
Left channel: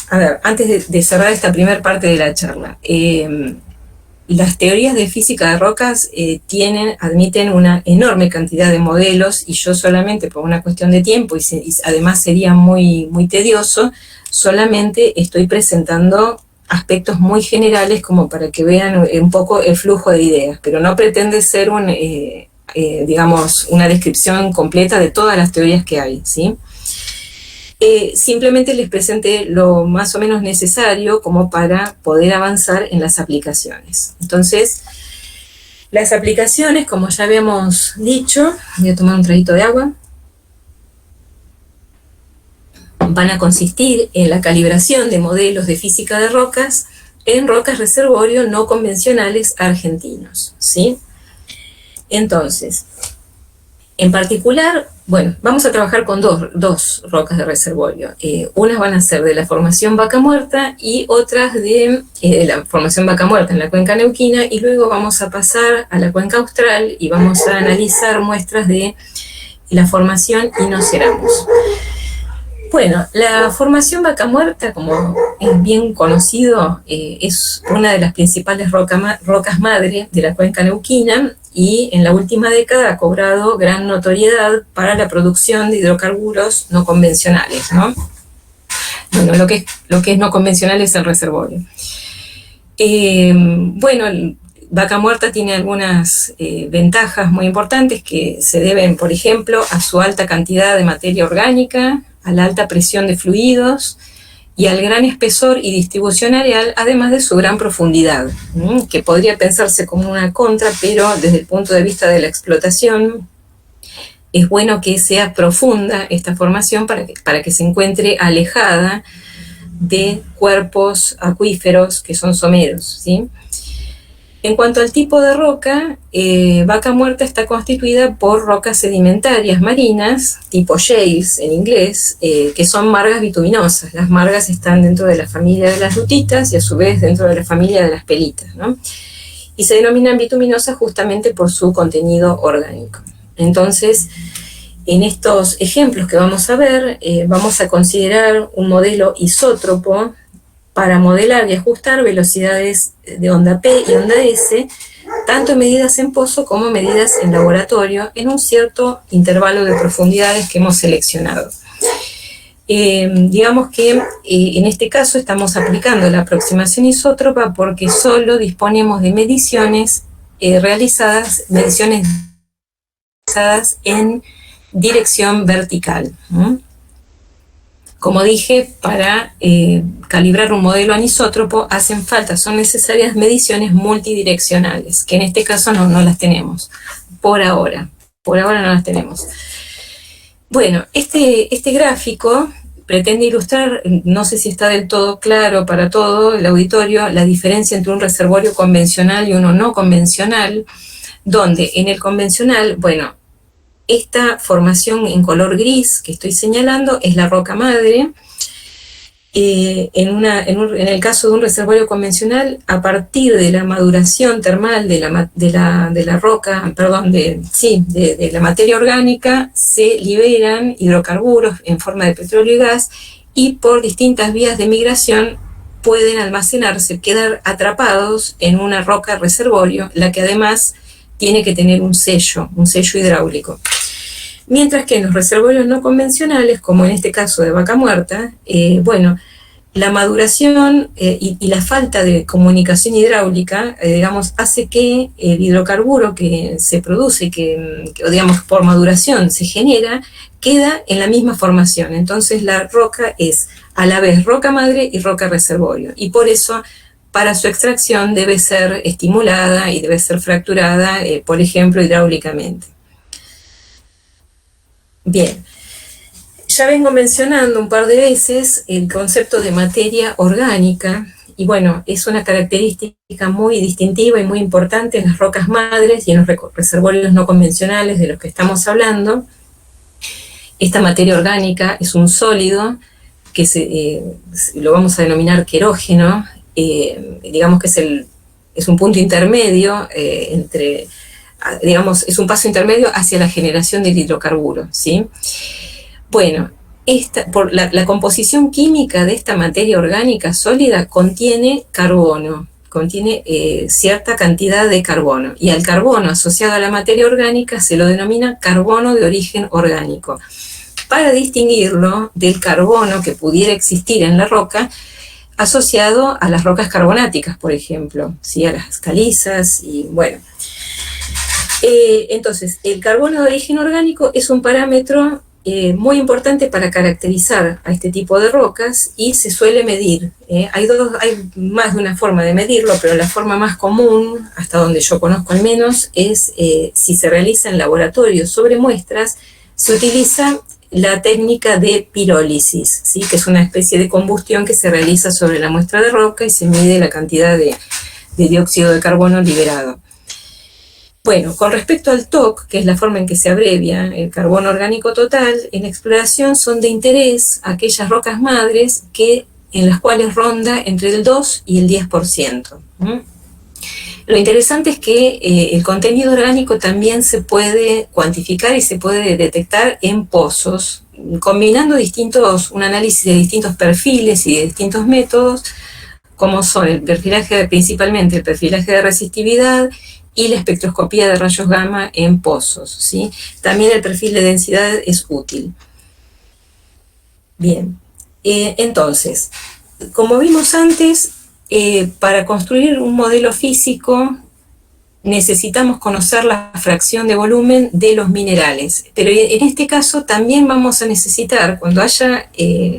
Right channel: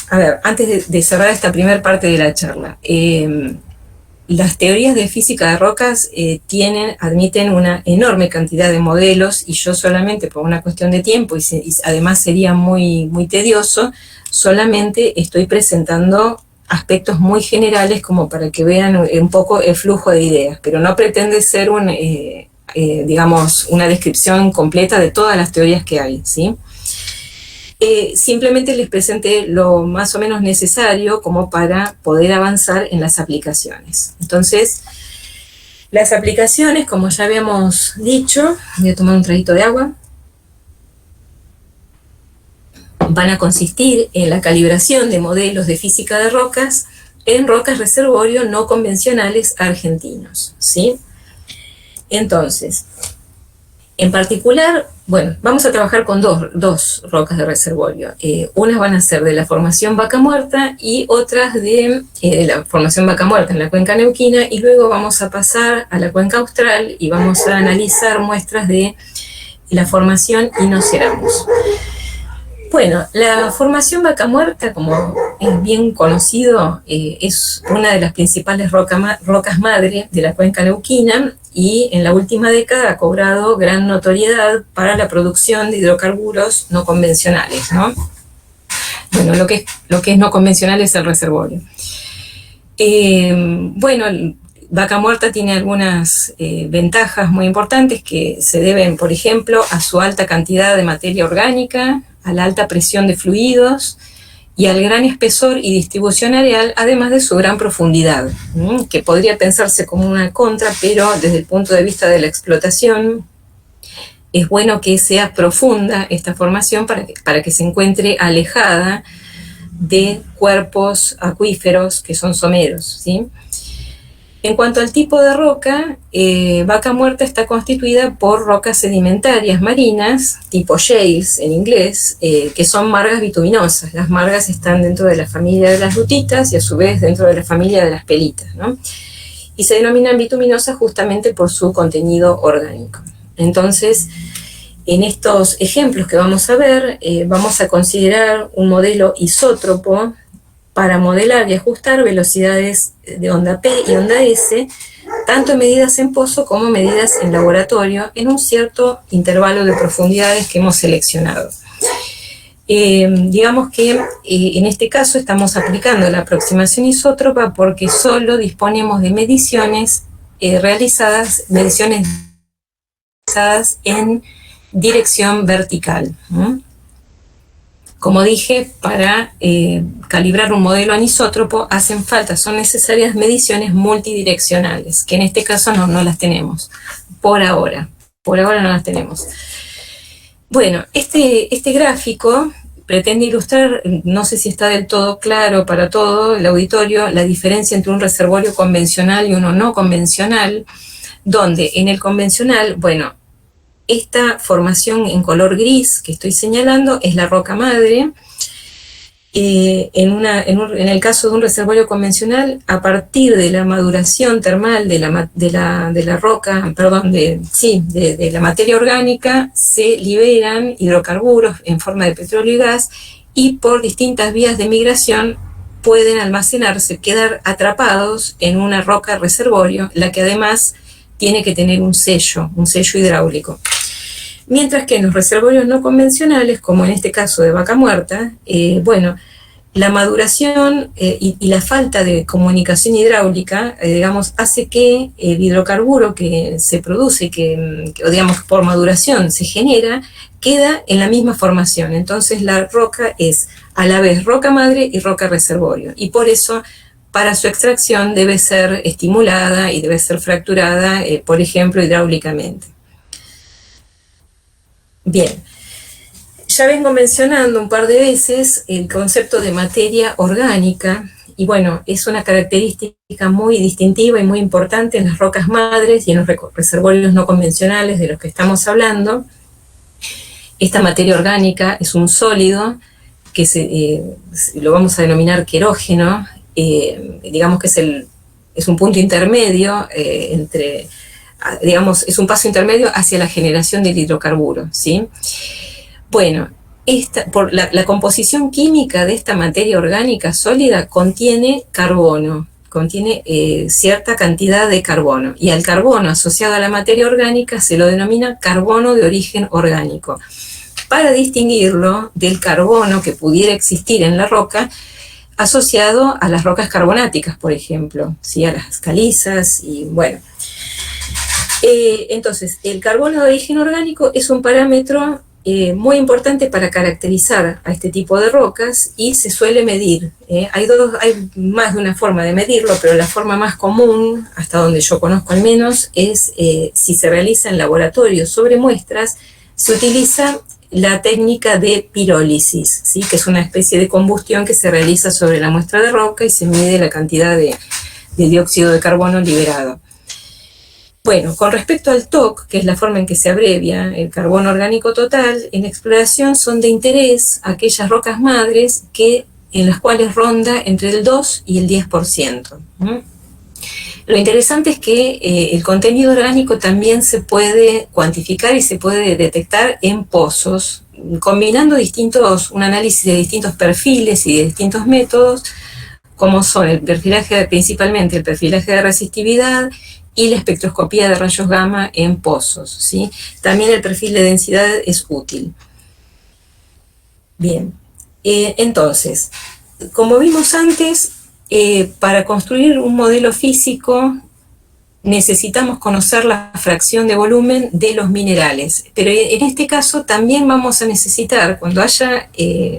a ver, antes de cerrar esta primera parte de la charla, las teorías de física de rocas admiten una enorme cantidad de modelos y yo solamente por una cuestión de tiempo y además sería muy, muy tedioso, solamente estoy presentando aspectos muy generales como para que vean un poco el flujo de ideas, pero no pretende ser digamos, una descripción completa de todas las teorías que hay, ¿sí? Simplemente les presenté lo más o menos necesario como para poder avanzar en las aplicaciones. Entonces, las aplicaciones, como ya habíamos dicho, voy a tomar un traguito de agua, van a consistir en la calibración de modelos de física de rocas en rocas reservorio no convencionales argentinos, ¿sí? Entonces, en particular, bueno, vamos a trabajar con dos rocas de reservorio. Unas van a ser de la formación Vaca Muerta y otras de la formación Vaca Muerta en la cuenca neuquina, y luego vamos a pasar a la cuenca austral y vamos a analizar muestras de la formación Inoceramus. Bueno, la formación Vaca Muerta, como es bien conocido, es una de las principales rocas madre de la cuenca neuquina y en la última década ha cobrado gran notoriedad para la producción de hidrocarburos no convencionales, ¿no? Bueno, lo que es no convencional es el reservorio. Bueno, Vaca Muerta tiene algunas ventajas muy importantes que se deben, por ejemplo, a su alta cantidad de materia orgánica, a la alta presión de fluidos y al gran espesor y distribución areal, además de su gran profundidad, que podría pensarse como una contra, pero desde el punto de vista de la explotación es bueno que sea profunda esta formación para que se encuentre alejada de cuerpos acuíferos que son someros, ¿sí? En cuanto al tipo de roca, Vaca Muerta está constituida por rocas sedimentarias marinas, tipo shales en inglés, que son margas bituminosas. Las margas están dentro de la familia de las rutitas y a su vez dentro de la familia de las pelitas, ¿no? Y se denominan bituminosas justamente por su contenido orgánico. Entonces, en estos ejemplos que vamos a ver, vamos a considerar un modelo isótropo para modelar y ajustar velocidades de onda P y onda S, tanto medidas en pozo como medidas en laboratorio, en un cierto intervalo de profundidades que hemos seleccionado. Digamos que en este caso estamos aplicando la aproximación isótropa porque solo disponemos de mediciones realizadas en dirección vertical. Como dije, para calibrar un modelo anisótropo son necesarias mediciones multidireccionales, que en este caso no las tenemos, por ahora no las tenemos. Bueno, este gráfico pretende ilustrar, no sé si está del todo claro para todo el auditorio, la diferencia entre un reservorio convencional y uno no convencional, donde en el convencional, bueno, esta formación en color gris que estoy señalando es la roca madre. En el caso de un reservorio convencional, a partir de la maduración termal de la roca, perdón, de la materia orgánica, se liberan hidrocarburos en forma de petróleo y gas, y por distintas vías de migración pueden almacenarse, quedar atrapados en una roca reservorio, la que además tiene que tener un sello hidráulico. Mientras que en los reservorios no convencionales, como en este caso de Vaca Muerta, bueno, la maduración y la falta de comunicación hidráulica, digamos, hace que el hidrocarburo que se produce, que digamos por maduración se genera, queda en la misma formación. Entonces la roca es a la vez roca madre y roca reservorio, y por eso para su extracción debe ser estimulada y debe ser fracturada, por ejemplo, hidráulicamente. Bien, ya vengo mencionando un par de veces el concepto de materia orgánica, y bueno, es una característica muy distintiva y muy importante en las rocas madres y en los reservorios no convencionales de los que estamos hablando. Esta materia orgánica es un sólido que lo vamos a denominar querógeno, digamos que es un punto intermedio es un paso intermedio hacia la generación del hidrocarburo, ¿sí? Bueno, por la composición química de esta materia orgánica sólida contiene carbono, contiene cierta cantidad de carbono, y al carbono asociado a la materia orgánica se lo denomina carbono de origen orgánico, para distinguirlo del carbono que pudiera existir en la roca asociado a las rocas carbonáticas, por ejemplo, ¿sí? A las calizas, y bueno. Entonces, el carbono de origen orgánico es un parámetro muy importante para caracterizar a este tipo de rocas y se suele medir. Hay más de una forma de medirlo, pero la forma más común, hasta donde yo conozco al menos, es si se realiza en laboratorio sobre muestras, se utiliza la técnica de pirólisis, ¿sí? Que es una especie de combustión que se realiza sobre la muestra de roca y se mide la cantidad de dióxido de carbono liberado. Bueno, con respecto al TOC, que es la forma en que se abrevia el carbono orgánico total, en exploración son de interés aquellas rocas madres en las cuales ronda entre el 2 y el 10%. Lo interesante es que el contenido orgánico también se puede cuantificar y se puede detectar en pozos, combinando un análisis de distintos perfiles y de distintos métodos, como son principalmente el perfilaje de resistividad y la espectroscopía de rayos gamma en pozos, ¿sí? También el perfil de densidad es útil. Bien, entonces, como vimos antes, para construir un modelo físico necesitamos conocer la fracción de volumen de los minerales, pero en este caso también vamos a necesitar, cuando haya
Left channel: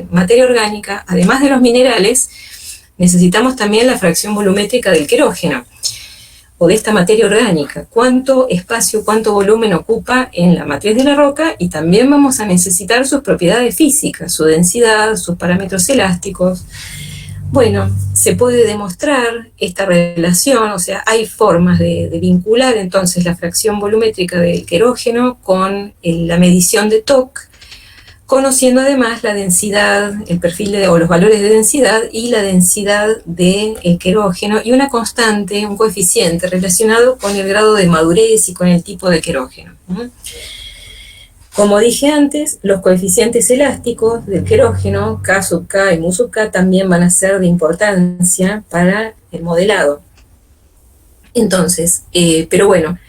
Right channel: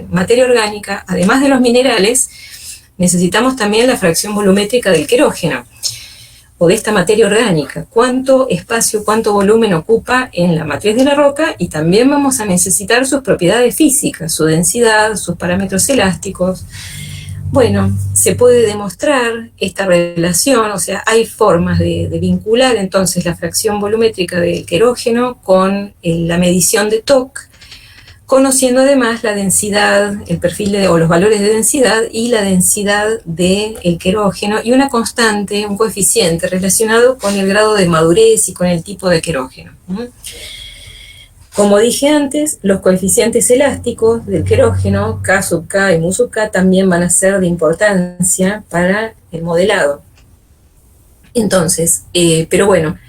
materia orgánica, además de los minerales, necesitamos también la fracción volumétrica del querógeno, o de esta materia orgánica, cuánto espacio, cuánto volumen ocupa en la matriz de la roca, y también vamos a necesitar sus propiedades físicas, su densidad, sus parámetros elásticos. Bueno, se puede demostrar esta relación, o sea, hay formas de vincular entonces la fracción volumétrica del querógeno con la medición de TOC, conociendo además la densidad, el perfil o los valores de densidad y la densidad del querógeno y una constante, un coeficiente relacionado con el grado de madurez y con el tipo de querógeno. Como dije antes, los coeficientes elásticos del querógeno, K sub K y mu sub K, también van a ser de importancia para el modelado. Entonces, pero bueno,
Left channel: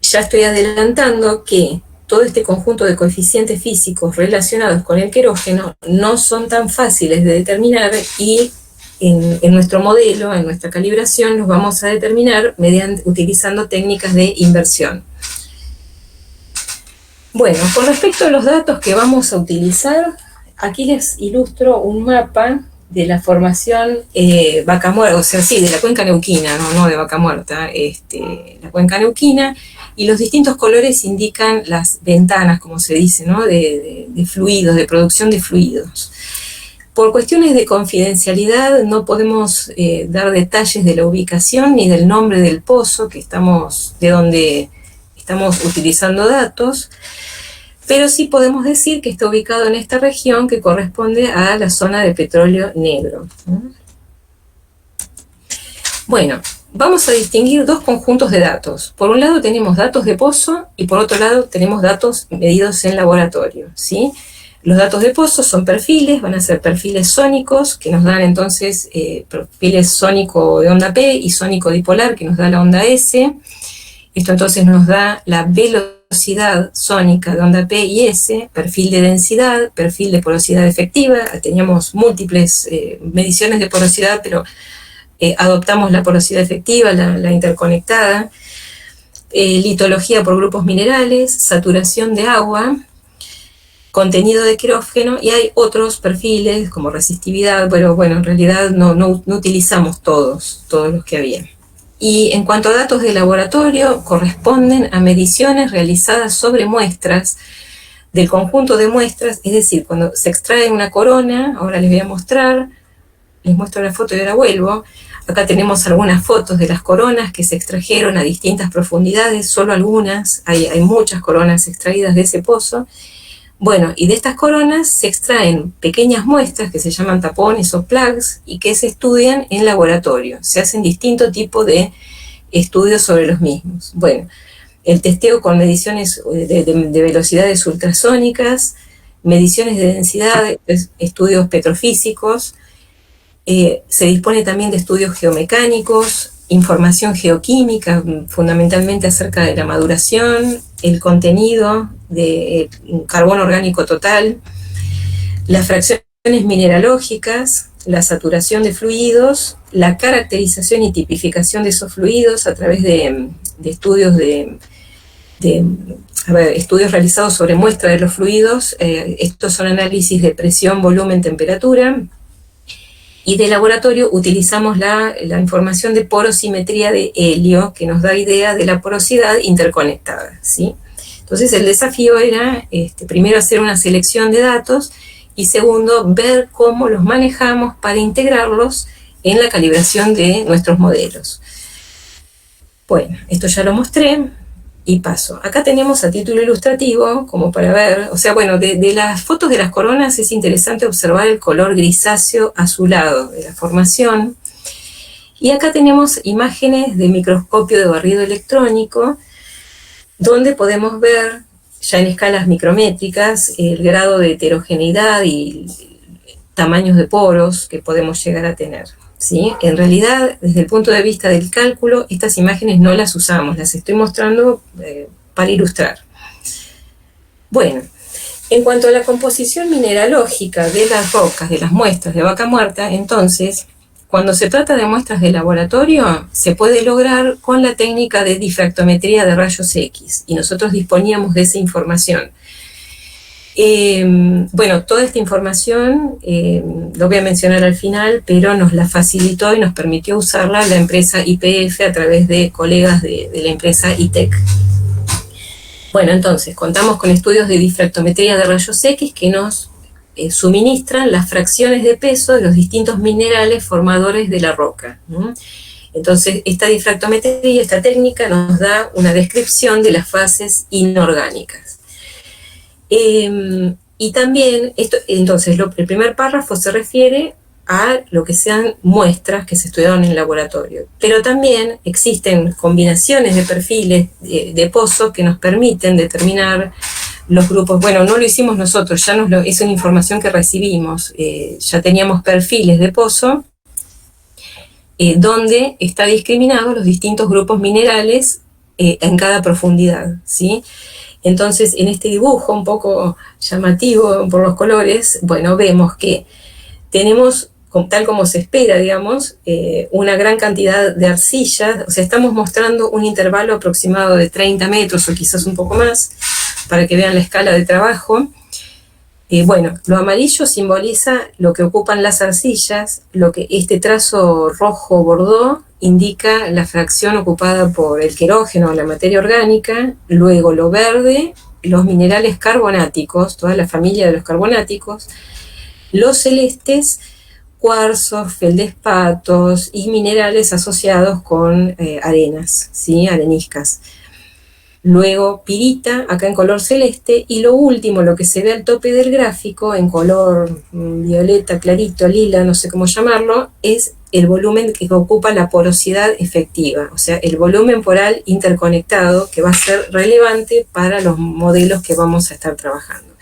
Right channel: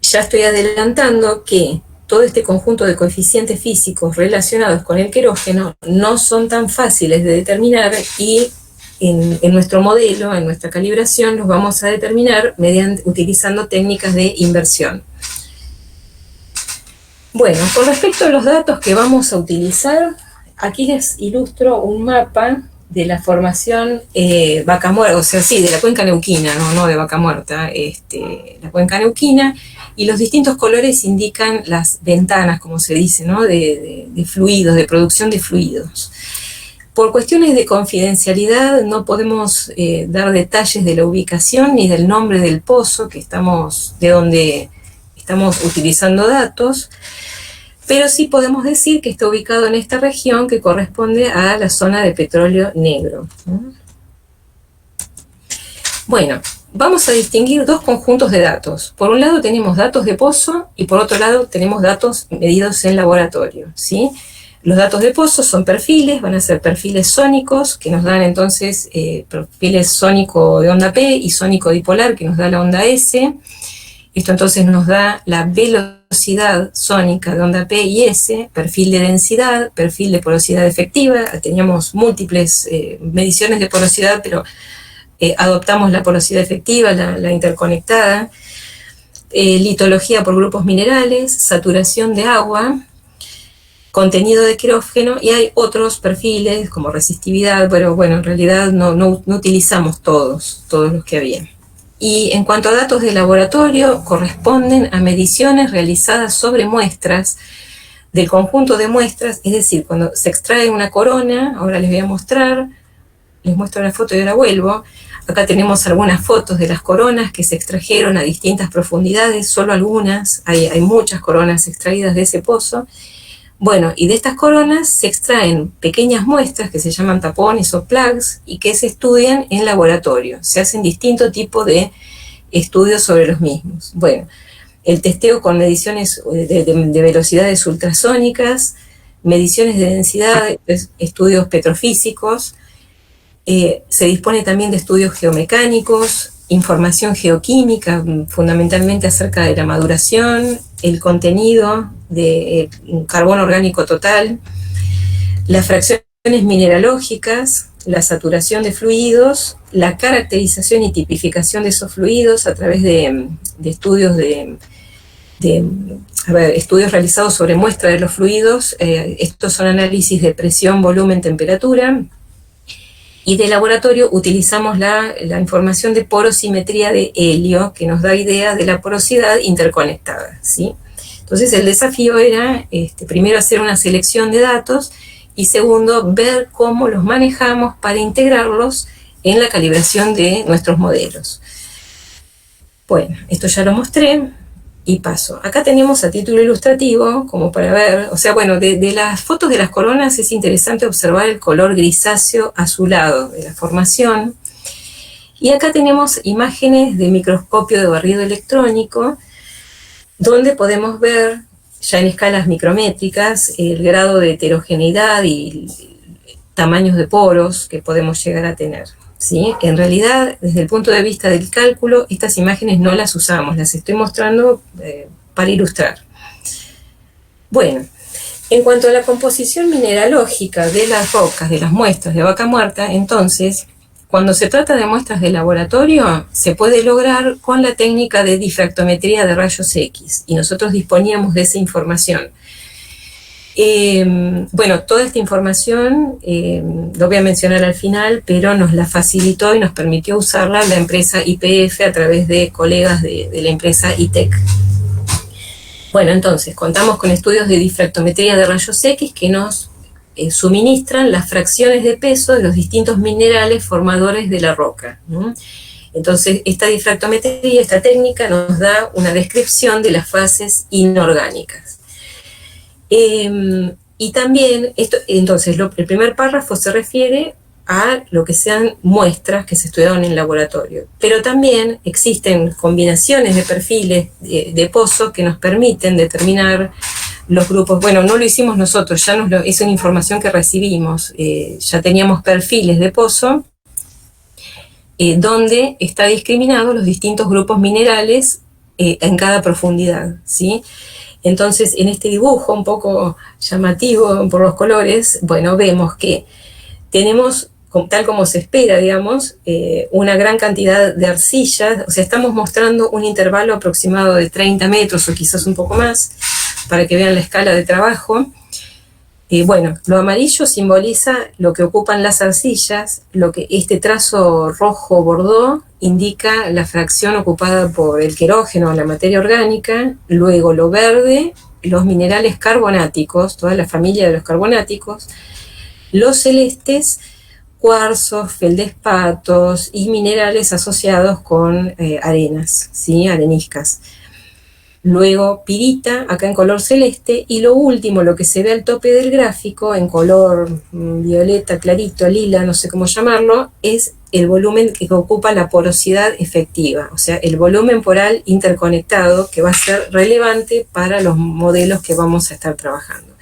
ya estoy adelantando que todo este conjunto de coeficientes físicos relacionados con el querógeno no son tan fáciles de determinar y en nuestro modelo, en nuestra calibración, los vamos a determinar utilizando técnicas de inversión. Bueno, con respecto a los datos que vamos a utilizar, aquí les ilustro un mapa de la formación Vaca Muerta, o sea, sí, de la cuenca neuquina, no de Vaca Muerta, la cuenca neuquina, y los distintos colores indican las ventanas, como se dice, ¿no? de fluidos, de producción de fluidos. Por cuestiones de confidencialidad no podemos dar detalles de la ubicación ni del nombre del pozo de donde estamos utilizando datos, pero sí podemos decir que está ubicado en esta región que corresponde a la zona de petróleo negro. Bueno, vamos a distinguir dos conjuntos de datos. Por un lado tenemos datos de pozo y por otro lado tenemos datos medidos en laboratorio, ¿sí? Los datos de pozo son perfiles, van a ser perfiles sónicos, que nos dan entonces perfiles sónico de onda P y sónico dipolar, que nos da la onda S. Esto entonces nos da la velocidad sónica de onda P y S, perfil de densidad, perfil de porosidad efectiva. Teníamos múltiples mediciones de porosidad, pero adoptamos la porosidad efectiva, la interconectada. Litología por grupos minerales, saturación de agua, contenido de querógeno, y hay otros perfiles como resistividad, pero bueno, en realidad no utilizamos todos los que había. Y en cuanto a datos de laboratorio, corresponden a mediciones realizadas sobre muestras del conjunto de muestras, es decir, cuando se extrae una corona, ahora les voy a mostrar, les muestro la foto y ahora vuelvo. Acá tenemos algunas fotos de las coronas que se extrajeron a distintas profundidades, solo algunas, hay muchas coronas extraídas de ese pozo. Bueno, y de estas coronas se extraen pequeñas muestras que se llaman tapones o plugs y que se estudian en laboratorio. Se hacen distintos tipos de estudios sobre los mismos. Bueno, el testeo con mediciones de velocidades ultrasónicas, mediciones de densidad, estudios petrofísicos, se dispone también de estudios geomecánicos, información geoquímica, fundamentalmente acerca de la maduración, el contenido de carbono orgánico total, las fracciones mineralógicas, la saturación de fluidos, la caracterización y tipificación de esos fluidos a través de estudios de de estudios realizados sobre muestra de los fluidos. Estos son análisis de presión, volumen, temperatura. Y de laboratorio utilizamos la información de porosimetría de helio, que nos da idea de la porosidad interconectada, ¿sí? Entonces el desafío era, primero, hacer una selección de datos, y segundo, ver cómo los manejamos para integrarlos en la calibración de nuestros modelos. Bueno, esto ya lo mostré y paso. Acá tenemos a título ilustrativo, como para ver, o sea, bueno, de las fotos de las coronas es interesante observar el color grisáceo azulado de la formación. Y acá tenemos imágenes de microscopio de barrido electrónico, donde podemos ver, ya en escalas micrométricas, el grado de heterogeneidad y tamaños de poros que podemos llegar a tener, ¿sí? En realidad, desde el punto de vista del cálculo, estas imágenes no las usamos, las estoy mostrando para ilustrar. Bueno, en cuanto a la composición mineralógica de las rocas, de las muestras de vaca muerta, entonces, cuando se trata de muestras de laboratorio, se puede lograr con la técnica de difractometría de rayos X, y nosotros disponíamos de esa información. Bueno, toda esta información, lo voy a mencionar al final, pero nos la facilitó y nos permitió usarla la empresa YPF a través de colegas de la empresa ITEC. Bueno, entonces, contamos con estudios de difractometría de rayos X que nos suministran las fracciones de peso de los distintos minerales formadores de la roca, ¿no? Entonces, esta difractometría, esta técnica, nos da una descripción de las fases inorgánicas. Y también, entonces, el primer párrafo se refiere a lo que sean muestras que se estudiaron en laboratorio, pero también existen combinaciones de perfiles de pozo que nos permiten determinar los grupos. Bueno, no lo hicimos nosotros, es una información que recibimos, ya teníamos perfiles de pozo donde está discriminados los distintos grupos minerales en cada profundidad, ¿sí? Entonces, en este dibujo un poco llamativo por los colores, bueno, vemos que tenemos, tal como se espera, digamos, una gran cantidad de arcillas, o sea, estamos mostrando un intervalo aproximado de 30 metros o quizás un poco más, para que vean la escala de trabajo. Bueno, lo amarillo simboliza lo que ocupan las arcillas, lo que este trazo rojo bordó indica la fracción ocupada por el querógeno, la materia orgánica, luego lo verde, los minerales carbonáticos, toda la familia de los carbonáticos, los celestes, cuarzos, feldespatos y minerales asociados con arenas, ¿sí? Areniscas. Luego pirita, acá en color celeste, y lo último, lo que se ve al tope del gráfico, en color violeta, clarito, lila, no sé cómo llamarlo, es el volumen que ocupa la porosidad efectiva, o sea, el volumen poral interconectado que va a ser relevante para los modelos que vamos a estar trabajando.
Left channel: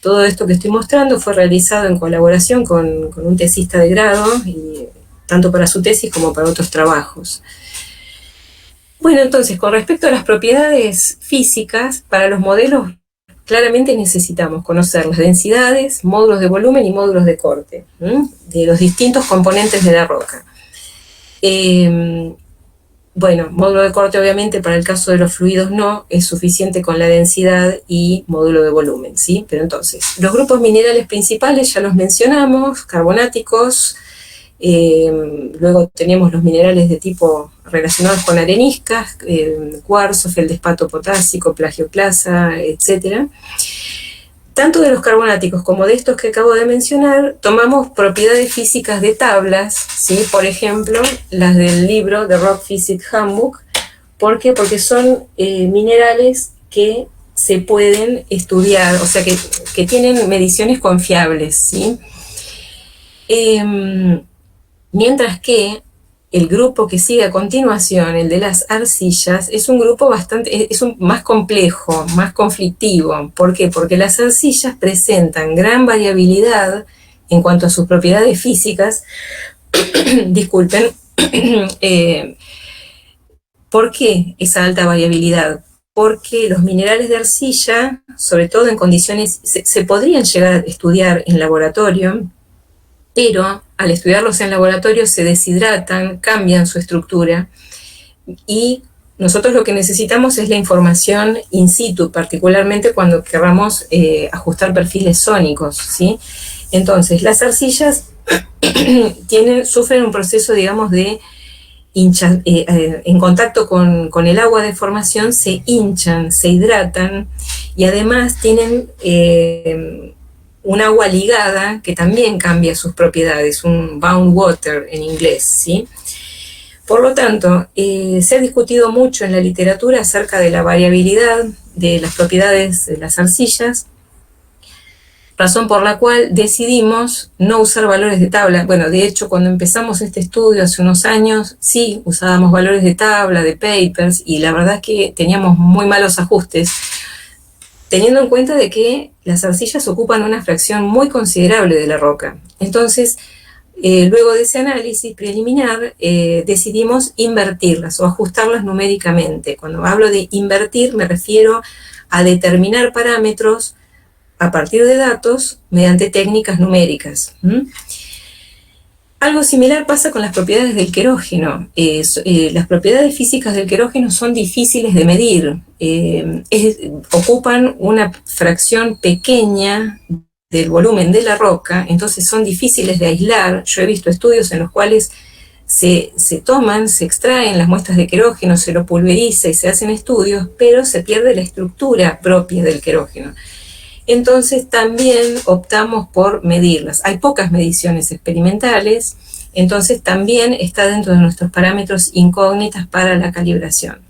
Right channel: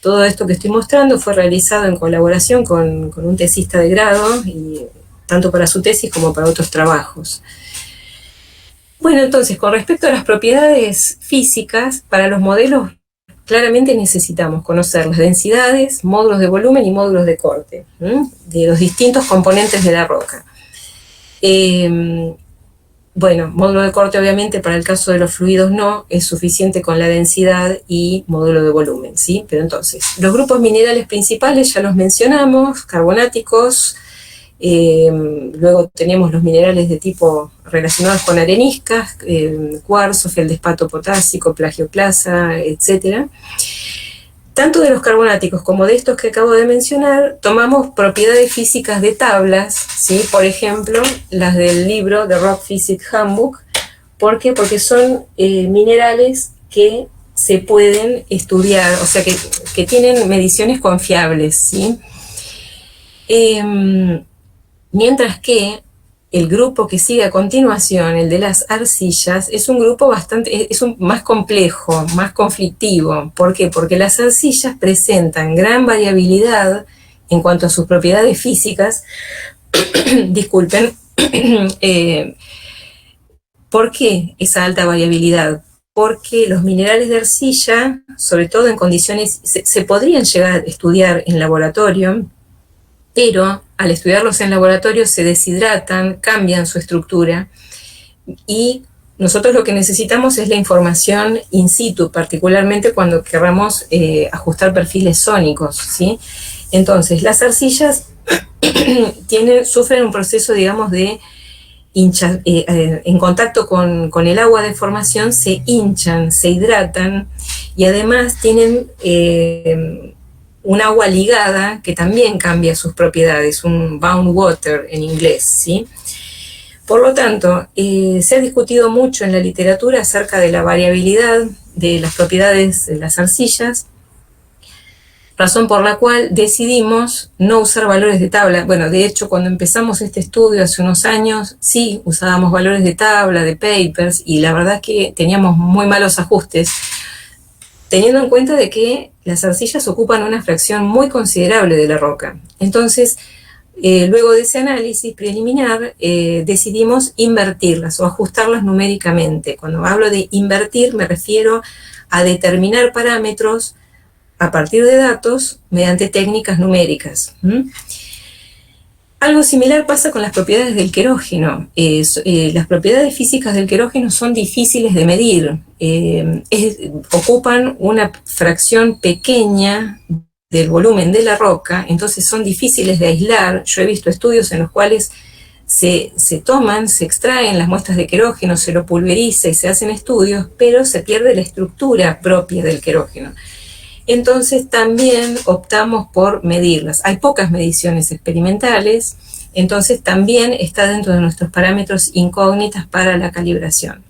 Todo esto que estoy mostrando fue realizado en colaboración con un tesista de grado, y tanto para su tesis como para otros trabajos. Bueno, entonces, con respecto a las propiedades físicas, para los modelos claramente necesitamos conocer las densidades, módulos de volumen y módulos de corte, de los distintos componentes de la roca. Bueno, módulo de corte obviamente para el caso de los fluidos no, es suficiente con la densidad y módulo de volumen, ¿sí? Pero entonces, los grupos minerales principales ya los mencionamos, carbonáticos, luego tenemos los minerales de tipo relacionados con areniscas, cuarzo, feldespato potásico, plagioclasa, etc. Tanto de los carbonáticos como de estos que acabo de mencionar, tomamos propiedades físicas de tablas, ¿sí? Por ejemplo, las del libro The Rock Physics Handbook. ¿Por qué? Porque son minerales que se pueden estudiar, o sea, que tienen mediciones confiables, ¿sí? Mientras que el grupo que sigue a continuación, el de las arcillas, es un grupo más complejo, más conflictivo. ¿Por qué? Porque las arcillas presentan gran variabilidad en cuanto a sus propiedades físicas. Disculpen. ¿Por qué esa alta variabilidad? Porque los minerales de arcilla, sobre todo en condiciones, se podrían llegar a estudiar en laboratorio, pero al estudiarlos en laboratorio se deshidratan, cambian su estructura y nosotros lo que necesitamos es la información in situ, particularmente cuando queramos ajustar perfiles sónicos, ¿sí? Entonces, las arcillas sufren un proceso, digamos, de en contacto con el agua de formación, se hinchan, se hidratan, y además tienen un agua ligada que también cambia sus propiedades, un bound water en inglés, ¿sí? Por lo tanto, se ha discutido mucho en la literatura acerca de la variabilidad de las propiedades de las arcillas, razón por la cual decidimos no usar valores de tabla. Bueno, de hecho, cuando empezamos este estudio hace unos años, sí usábamos valores de tabla, de papers, y la verdad es que teníamos muy malos ajustes, teniendo en cuenta de que las arcillas ocupan una fracción muy considerable de la roca. Entonces, luego de ese análisis preliminar, decidimos invertirlas o ajustarlas numéricamente. Cuando hablo de invertir, me refiero a determinar parámetros a partir de datos mediante técnicas numéricas. Algo similar pasa con las propiedades del querógeno. Las propiedades físicas del querógeno son difíciles de medir. Ocupan una fracción pequeña del volumen de la roca, entonces son difíciles de aislar. Yo he visto estudios en los cuales se extraen las muestras de querógeno, se lo pulveriza y se hacen estudios, pero se pierde la estructura propia del querógeno. Entonces también optamos por medirlas. Hay pocas mediciones experimentales, entonces también está dentro de nuestros parámetros incógnitas para la calibración.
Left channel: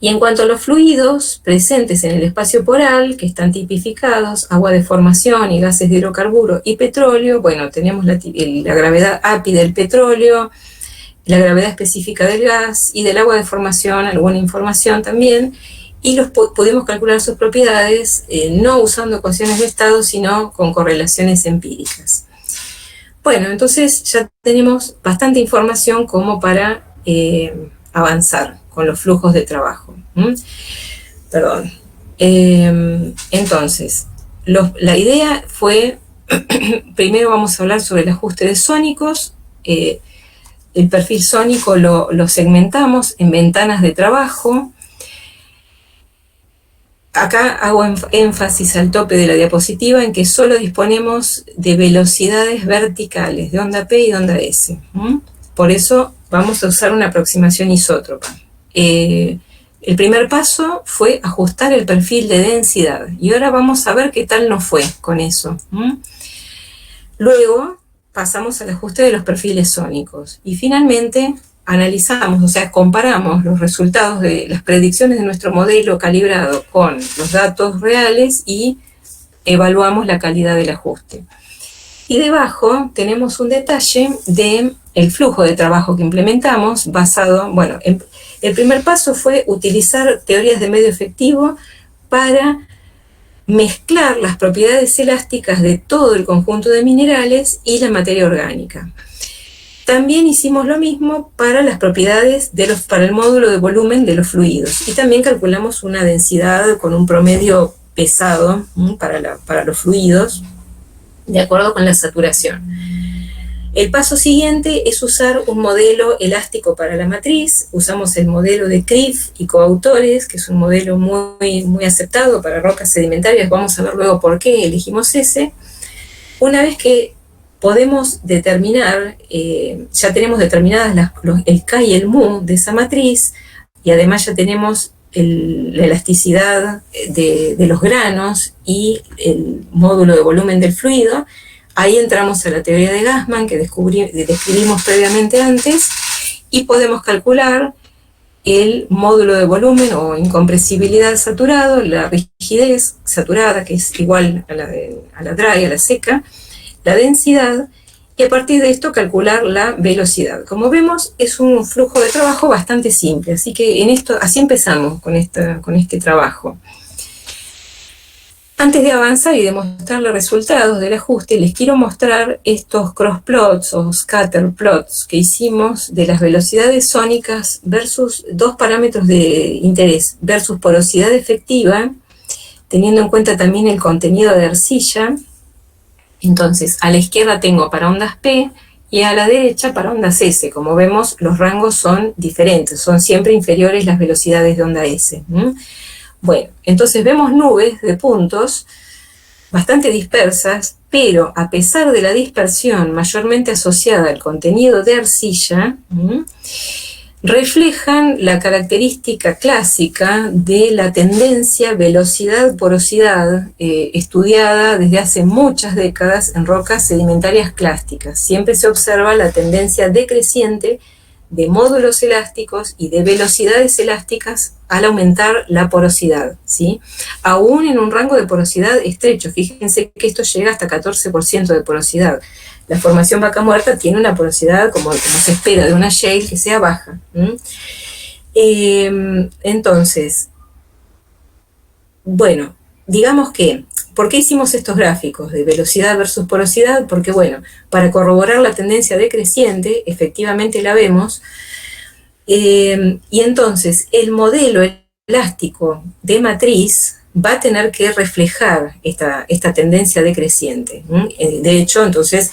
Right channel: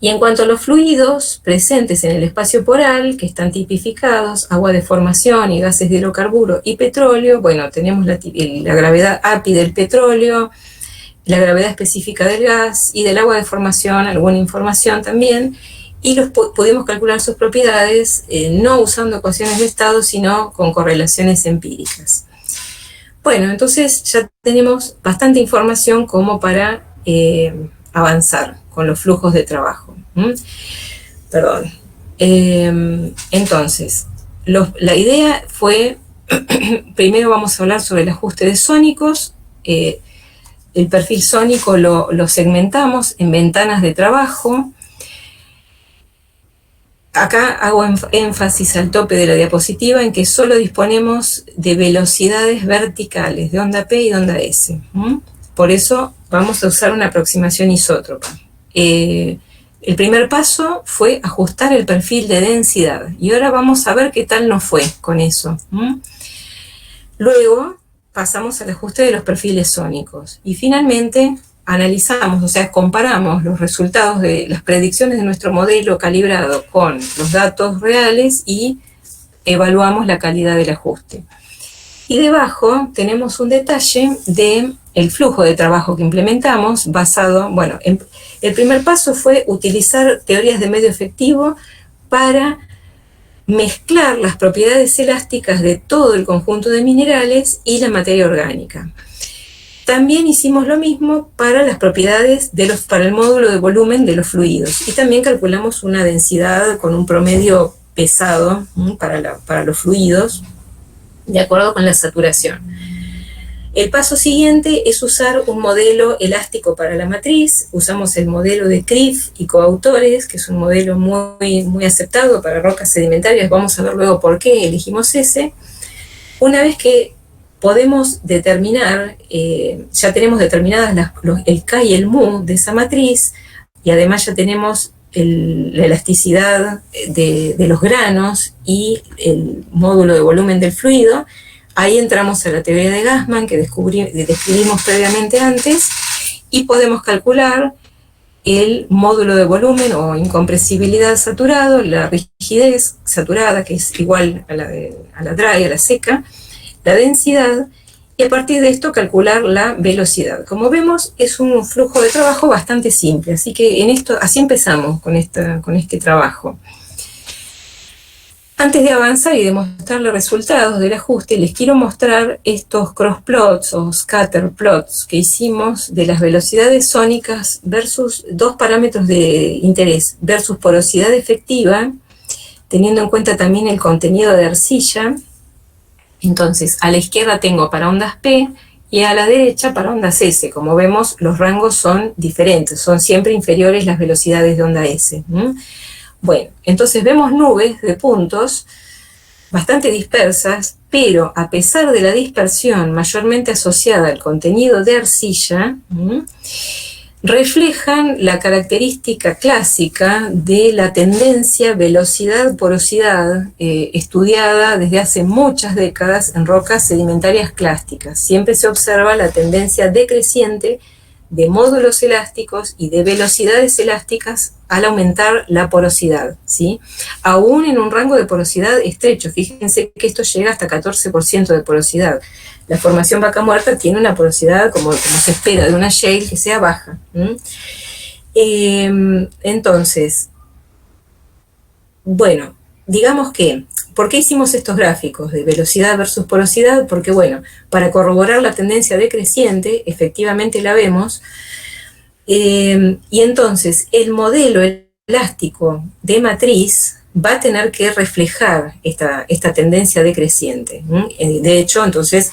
Y en cuanto a los fluidos presentes en el espacio poral, que están tipificados, agua de formación y gases de hidrocarburo y petróleo, bueno, tenemos la gravedad API del petróleo, la gravedad específica del gas y del agua de formación, alguna información también, y pudimos calcular sus propiedades no usando ecuaciones de estado, sino con correlaciones empíricas. Bueno, entonces ya tenemos bastante información como para avanzar con los flujos de trabajo. Perdón. Entonces, la idea fue, primero vamos a hablar sobre el ajuste de sónicos. El perfil sónico lo segmentamos en ventanas de trabajo. Acá hago énfasis al tope de la diapositiva en que solo disponemos de velocidades verticales, de onda P y de onda S. Por eso vamos a usar una aproximación isótropa. El primer paso fue ajustar el perfil de densidad, y ahora vamos a ver qué tal nos fue con eso. Luego pasamos al ajuste de los perfiles sónicos, y finalmente analizamos, o sea, comparamos los resultados de las predicciones de nuestro modelo calibrado con los datos reales y evaluamos la calidad del ajuste. Y debajo tenemos un detalle del flujo de trabajo que implementamos basado, bueno, el primer paso fue utilizar teorías de medio efectivo para mezclar las propiedades elásticas de todo el conjunto de minerales y la materia orgánica. También hicimos lo mismo para las propiedades para el módulo de volumen de los fluidos, y también calculamos una densidad con un promedio pesado para los fluidos, de acuerdo con la saturación. El paso siguiente es usar un modelo elástico para la matriz. Usamos el modelo de Criff y coautores, que es un modelo muy, muy aceptado para rocas sedimentarias. Vamos a ver luego por qué elegimos ese. Una vez que podemos determinar, ya tenemos determinadas el K y el mu de esa matriz, y además ya tenemos la elasticidad de los granos y el módulo de volumen del fluido. Ahí entramos a la teoría de Gassman que describimos previamente antes, y podemos calcular el módulo de volumen o incompresibilidad saturado, la rigidez saturada, que es igual a la dry, a la seca, la densidad, y a partir de esto calcular la velocidad. Como vemos, es un flujo de trabajo bastante simple, así que así empezamos con este trabajo. Antes de avanzar y demostrar los resultados del ajuste, les quiero mostrar estos cross plots o scatter plots que hicimos de las velocidades sónicas versus dos parámetros de interés, versus porosidad efectiva, teniendo en cuenta también el contenido de arcilla. Entonces, a la izquierda tengo para ondas P y a la derecha para ondas S. Como vemos, los rangos son diferentes, son siempre inferiores las velocidades de onda S. Bueno, entonces vemos nubes de puntos bastante dispersas, pero a pesar de la dispersión mayormente asociada al contenido de arcilla, reflejan la característica clásica de la tendencia velocidad-porosidad estudiada desde hace muchas décadas en rocas sedimentarias clásticas. Siempre se observa la tendencia decreciente de módulos elásticos y de velocidades elásticas al aumentar la porosidad, ¿sí? Aún en un rango de porosidad estrecho. Fíjense que esto llega hasta 14% de porosidad. La formación Vaca Muerta tiene una porosidad, como se espera de una shale, que sea baja. Entonces, bueno, digamos que, ¿por qué hicimos estos gráficos de velocidad versus porosidad? Porque, bueno, para corroborar la tendencia decreciente, efectivamente la vemos, y entonces el modelo elástico de matriz va a tener que reflejar esta tendencia decreciente. De hecho, entonces,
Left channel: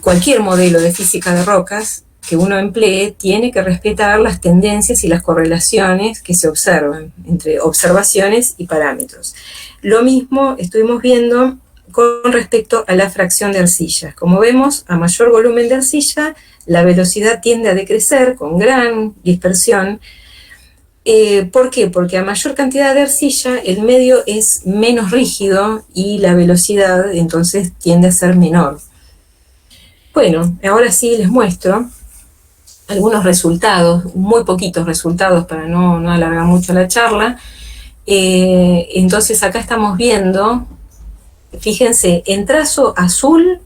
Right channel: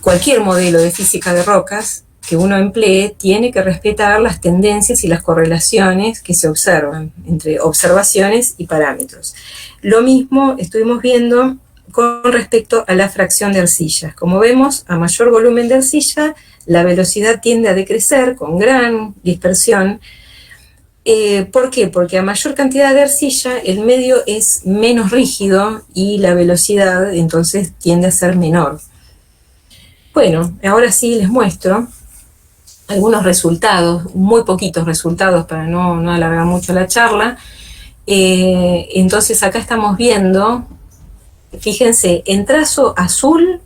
cualquier modelo de física de rocas que uno emplee tiene que respetar las tendencias y las correlaciones que se observan entre observaciones y parámetros. Lo mismo estuvimos viendo con respecto a la fracción de arcillas. Como vemos, a mayor volumen de arcilla, la velocidad tiende a decrecer con gran dispersión. ¿Por qué? Porque a mayor cantidad de arcilla, el medio es menos rígido y la velocidad entonces tiende a ser menor. Bueno, ahora sí les muestro algunos resultados, muy poquitos resultados para no alargar mucho la charla. Entonces acá estamos viendo, fíjense, en trazo azul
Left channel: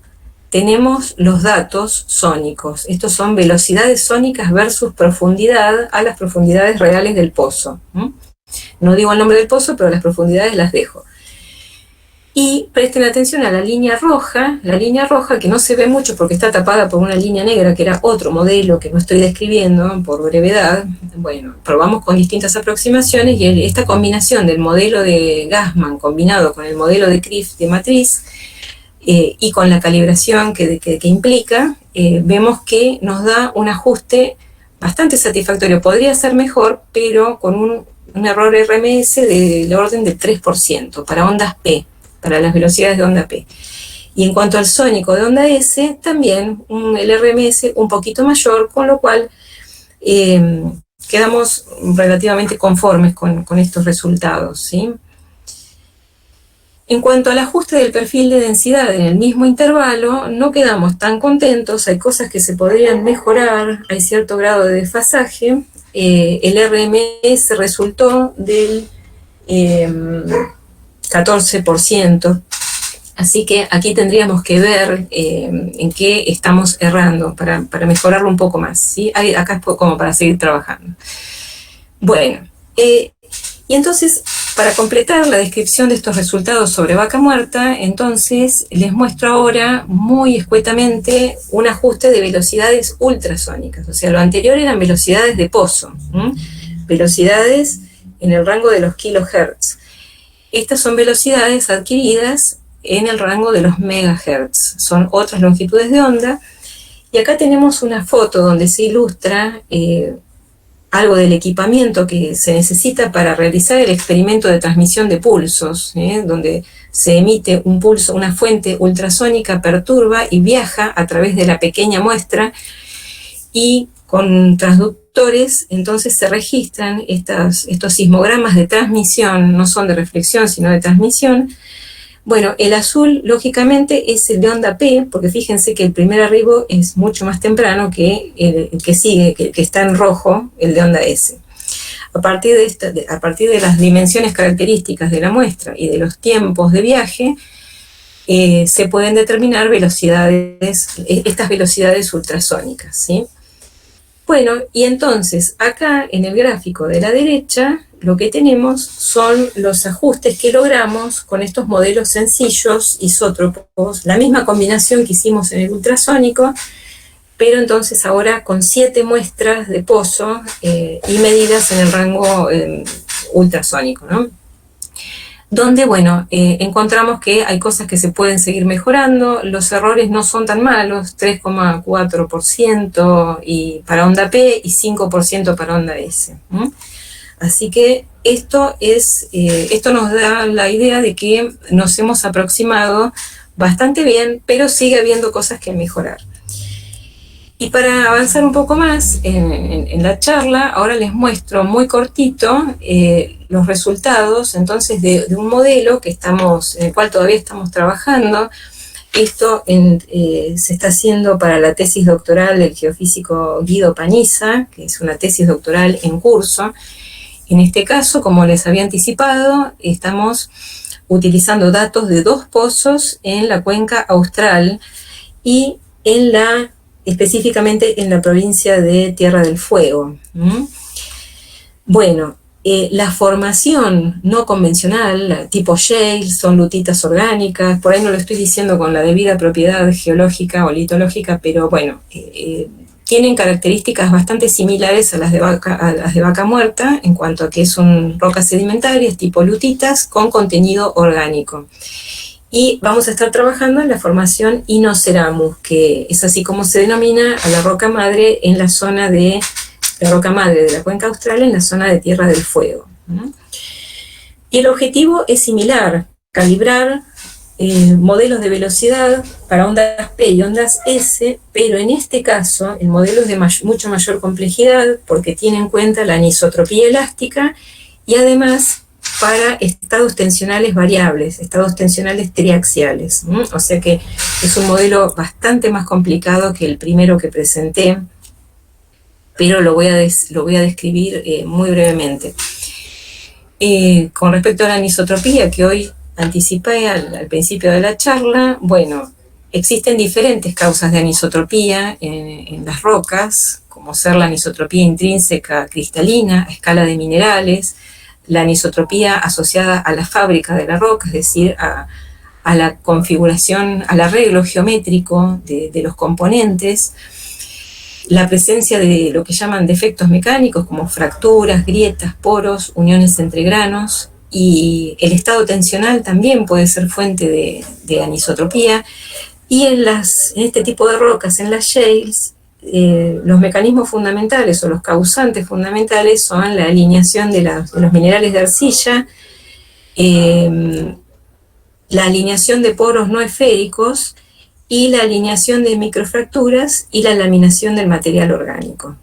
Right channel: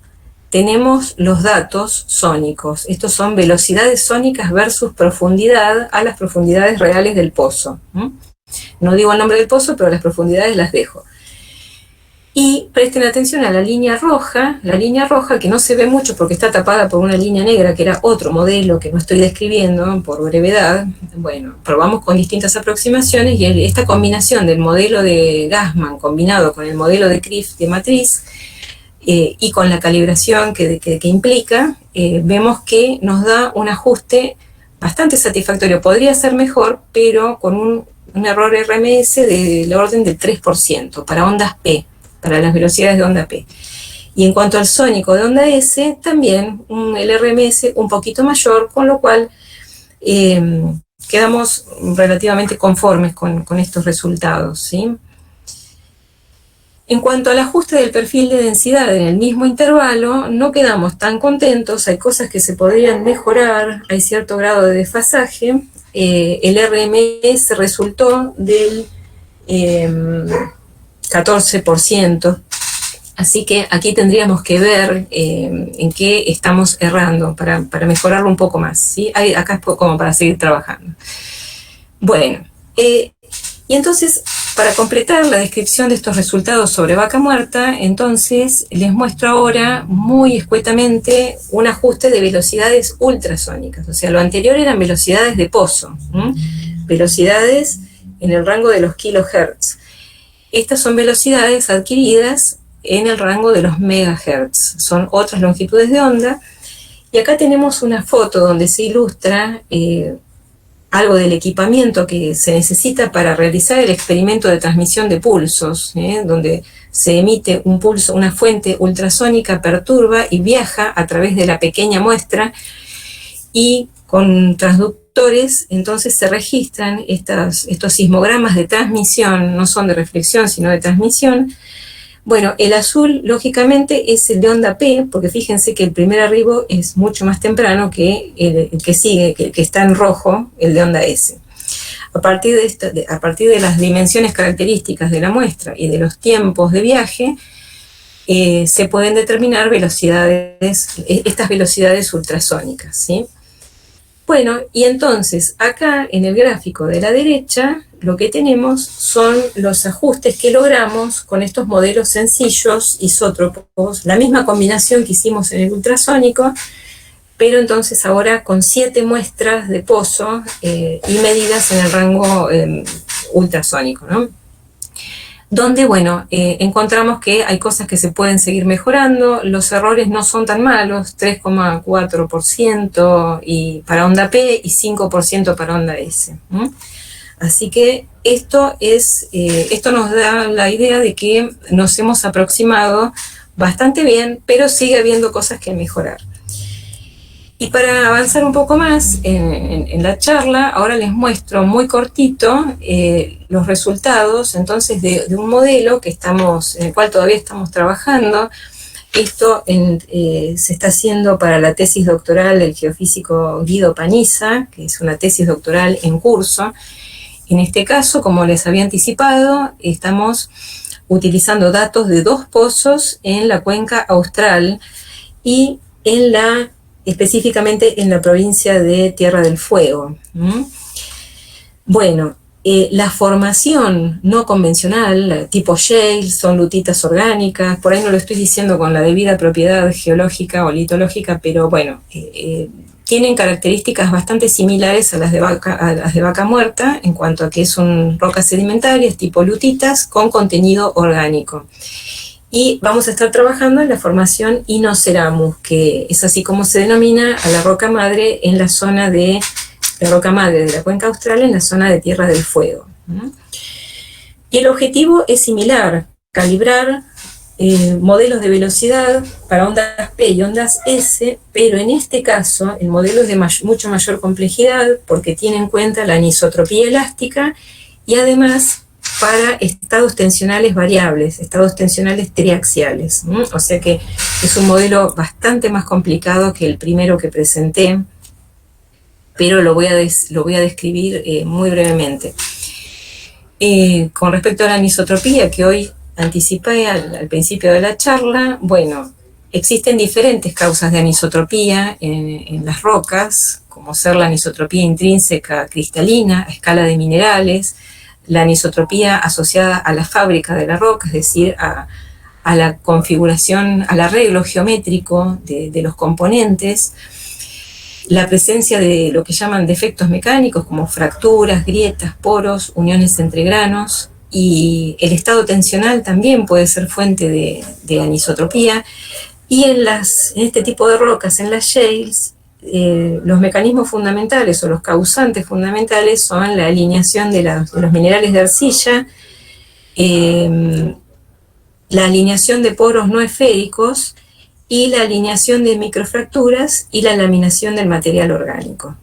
tenemos los datos sónicos. Estos son velocidades sónicas versus profundidad a las profundidades reales del pozo. No digo el nombre del pozo, pero las profundidades las dejo. Y presten atención a la línea roja que no se ve mucho porque está tapada por una línea negra, que era otro modelo que no estoy describiendo por brevedad. Bueno, probamos con distintas aproximaciones y esta combinación del modelo de Gassman combinado con el modelo de Kripf de matriz y con la calibración que implica, vemos que nos da un ajuste bastante satisfactorio. Podría ser mejor, pero con un error RMS del orden del 3% para ondas P, para las velocidades de onda P. Y en cuanto al sónico de onda S, también el RMS un poquito mayor, con lo cual quedamos relativamente conformes con estos resultados, ¿sí? En cuanto al ajuste del perfil de densidad en el mismo intervalo, no quedamos tan contentos, hay cosas que se podrían mejorar, hay cierto grado de desfasaje. El RMS resultó del 14%, así que aquí tendríamos que ver en qué estamos errando para mejorarlo un poco más, ¿sí? Acá es como para seguir trabajando. Bueno, y entonces, para completar la descripción de estos resultados sobre Vaca Muerta, entonces les muestro ahora muy escuetamente un ajuste de velocidades ultrasónicas. O sea, lo anterior eran velocidades de pozo, velocidades en el rango de los kilohertz. Estas son velocidades adquiridas en el rango de los megahertz. Son otras longitudes de onda. Y acá tenemos una foto donde se ilustra algo del equipamiento que se necesita para realizar el experimento de transmisión de pulsos, donde se emite un pulso, una fuente ultrasónica perturba y viaja a través de la pequeña muestra, y con transductores entonces se registran estos sismogramas de transmisión, no son de reflexión sino de transmisión. Bueno, el azul, lógicamente, es el de onda P, porque fíjense que el primer arribo es mucho más temprano que el que sigue, que está en rojo, el de onda S. A partir de las dimensiones características de la muestra y de los tiempos de viaje, se pueden determinar estas velocidades ultrasónicas, ¿sí? Bueno, y entonces, acá en el gráfico de la derecha, lo que tenemos son los ajustes que logramos con estos modelos sencillos, isótropos, la misma combinación que hicimos en el ultrasónico, pero entonces ahora con 7 muestras de pozo y medidas en el rango ultrasónico, ¿no? donde, bueno, encontramos que hay cosas que se pueden seguir mejorando, los errores no son tan malos, 3,4% y para onda P y 5% para onda S. Así que esto nos da la idea de que nos hemos aproximado bastante bien, pero sigue habiendo cosas que mejorar. Y para avanzar un poco más en la charla, ahora les muestro muy cortito los resultados entonces de un modelo en el cual todavía estamos trabajando. Esto se está haciendo para la tesis doctoral del geofísico Guido Paniza, que es una tesis doctoral en curso. En este caso, como les había anticipado, estamos utilizando datos de 2 pozos en la cuenca austral y específicamente en la provincia de Tierra del Fuego. Bueno, la formación no convencional, tipo shale, son lutitas orgánicas, por ahí no lo estoy diciendo con la debida propiedad geológica o litológica, pero bueno, tienen características bastante similares a las de Vaca Muerta, en cuanto a que son rocas sedimentarias tipo lutitas con contenido orgánico. Y vamos a estar trabajando en la formación Inoceramus, que es así como se denomina a la roca madre en la zona de la roca madre de la cuenca austral, en la zona de Tierra del Fuego. Y el objetivo es similar, calibrar modelos de velocidad para ondas P y ondas S, pero en este caso el modelo es de mucho mayor complejidad porque tiene en cuenta la anisotropía elástica y además para estados tensionales variables, estados tensionales triaxiales. O sea que es un modelo bastante más complicado que el primero que presenté, pero lo voy a describir muy brevemente. Con respecto a la anisotropía, que hoy anticipé al principio de la charla, bueno, existen diferentes causas de anisotropía en las rocas, como ser la anisotropía intrínseca cristalina a escala de minerales, la anisotropía asociada a la fábrica de la roca, es decir, a la configuración, al arreglo geométrico de los componentes, la presencia de lo que llaman defectos mecánicos como fracturas, grietas, poros, uniones entre granos, y el estado tensional también puede ser fuente de anisotropía. Y en este tipo de rocas, en las shales, los mecanismos fundamentales o los causantes fundamentales son la alineación de los minerales de arcilla, la alineación de poros no esféricos y la alineación de microfracturas y la laminación del material orgánico.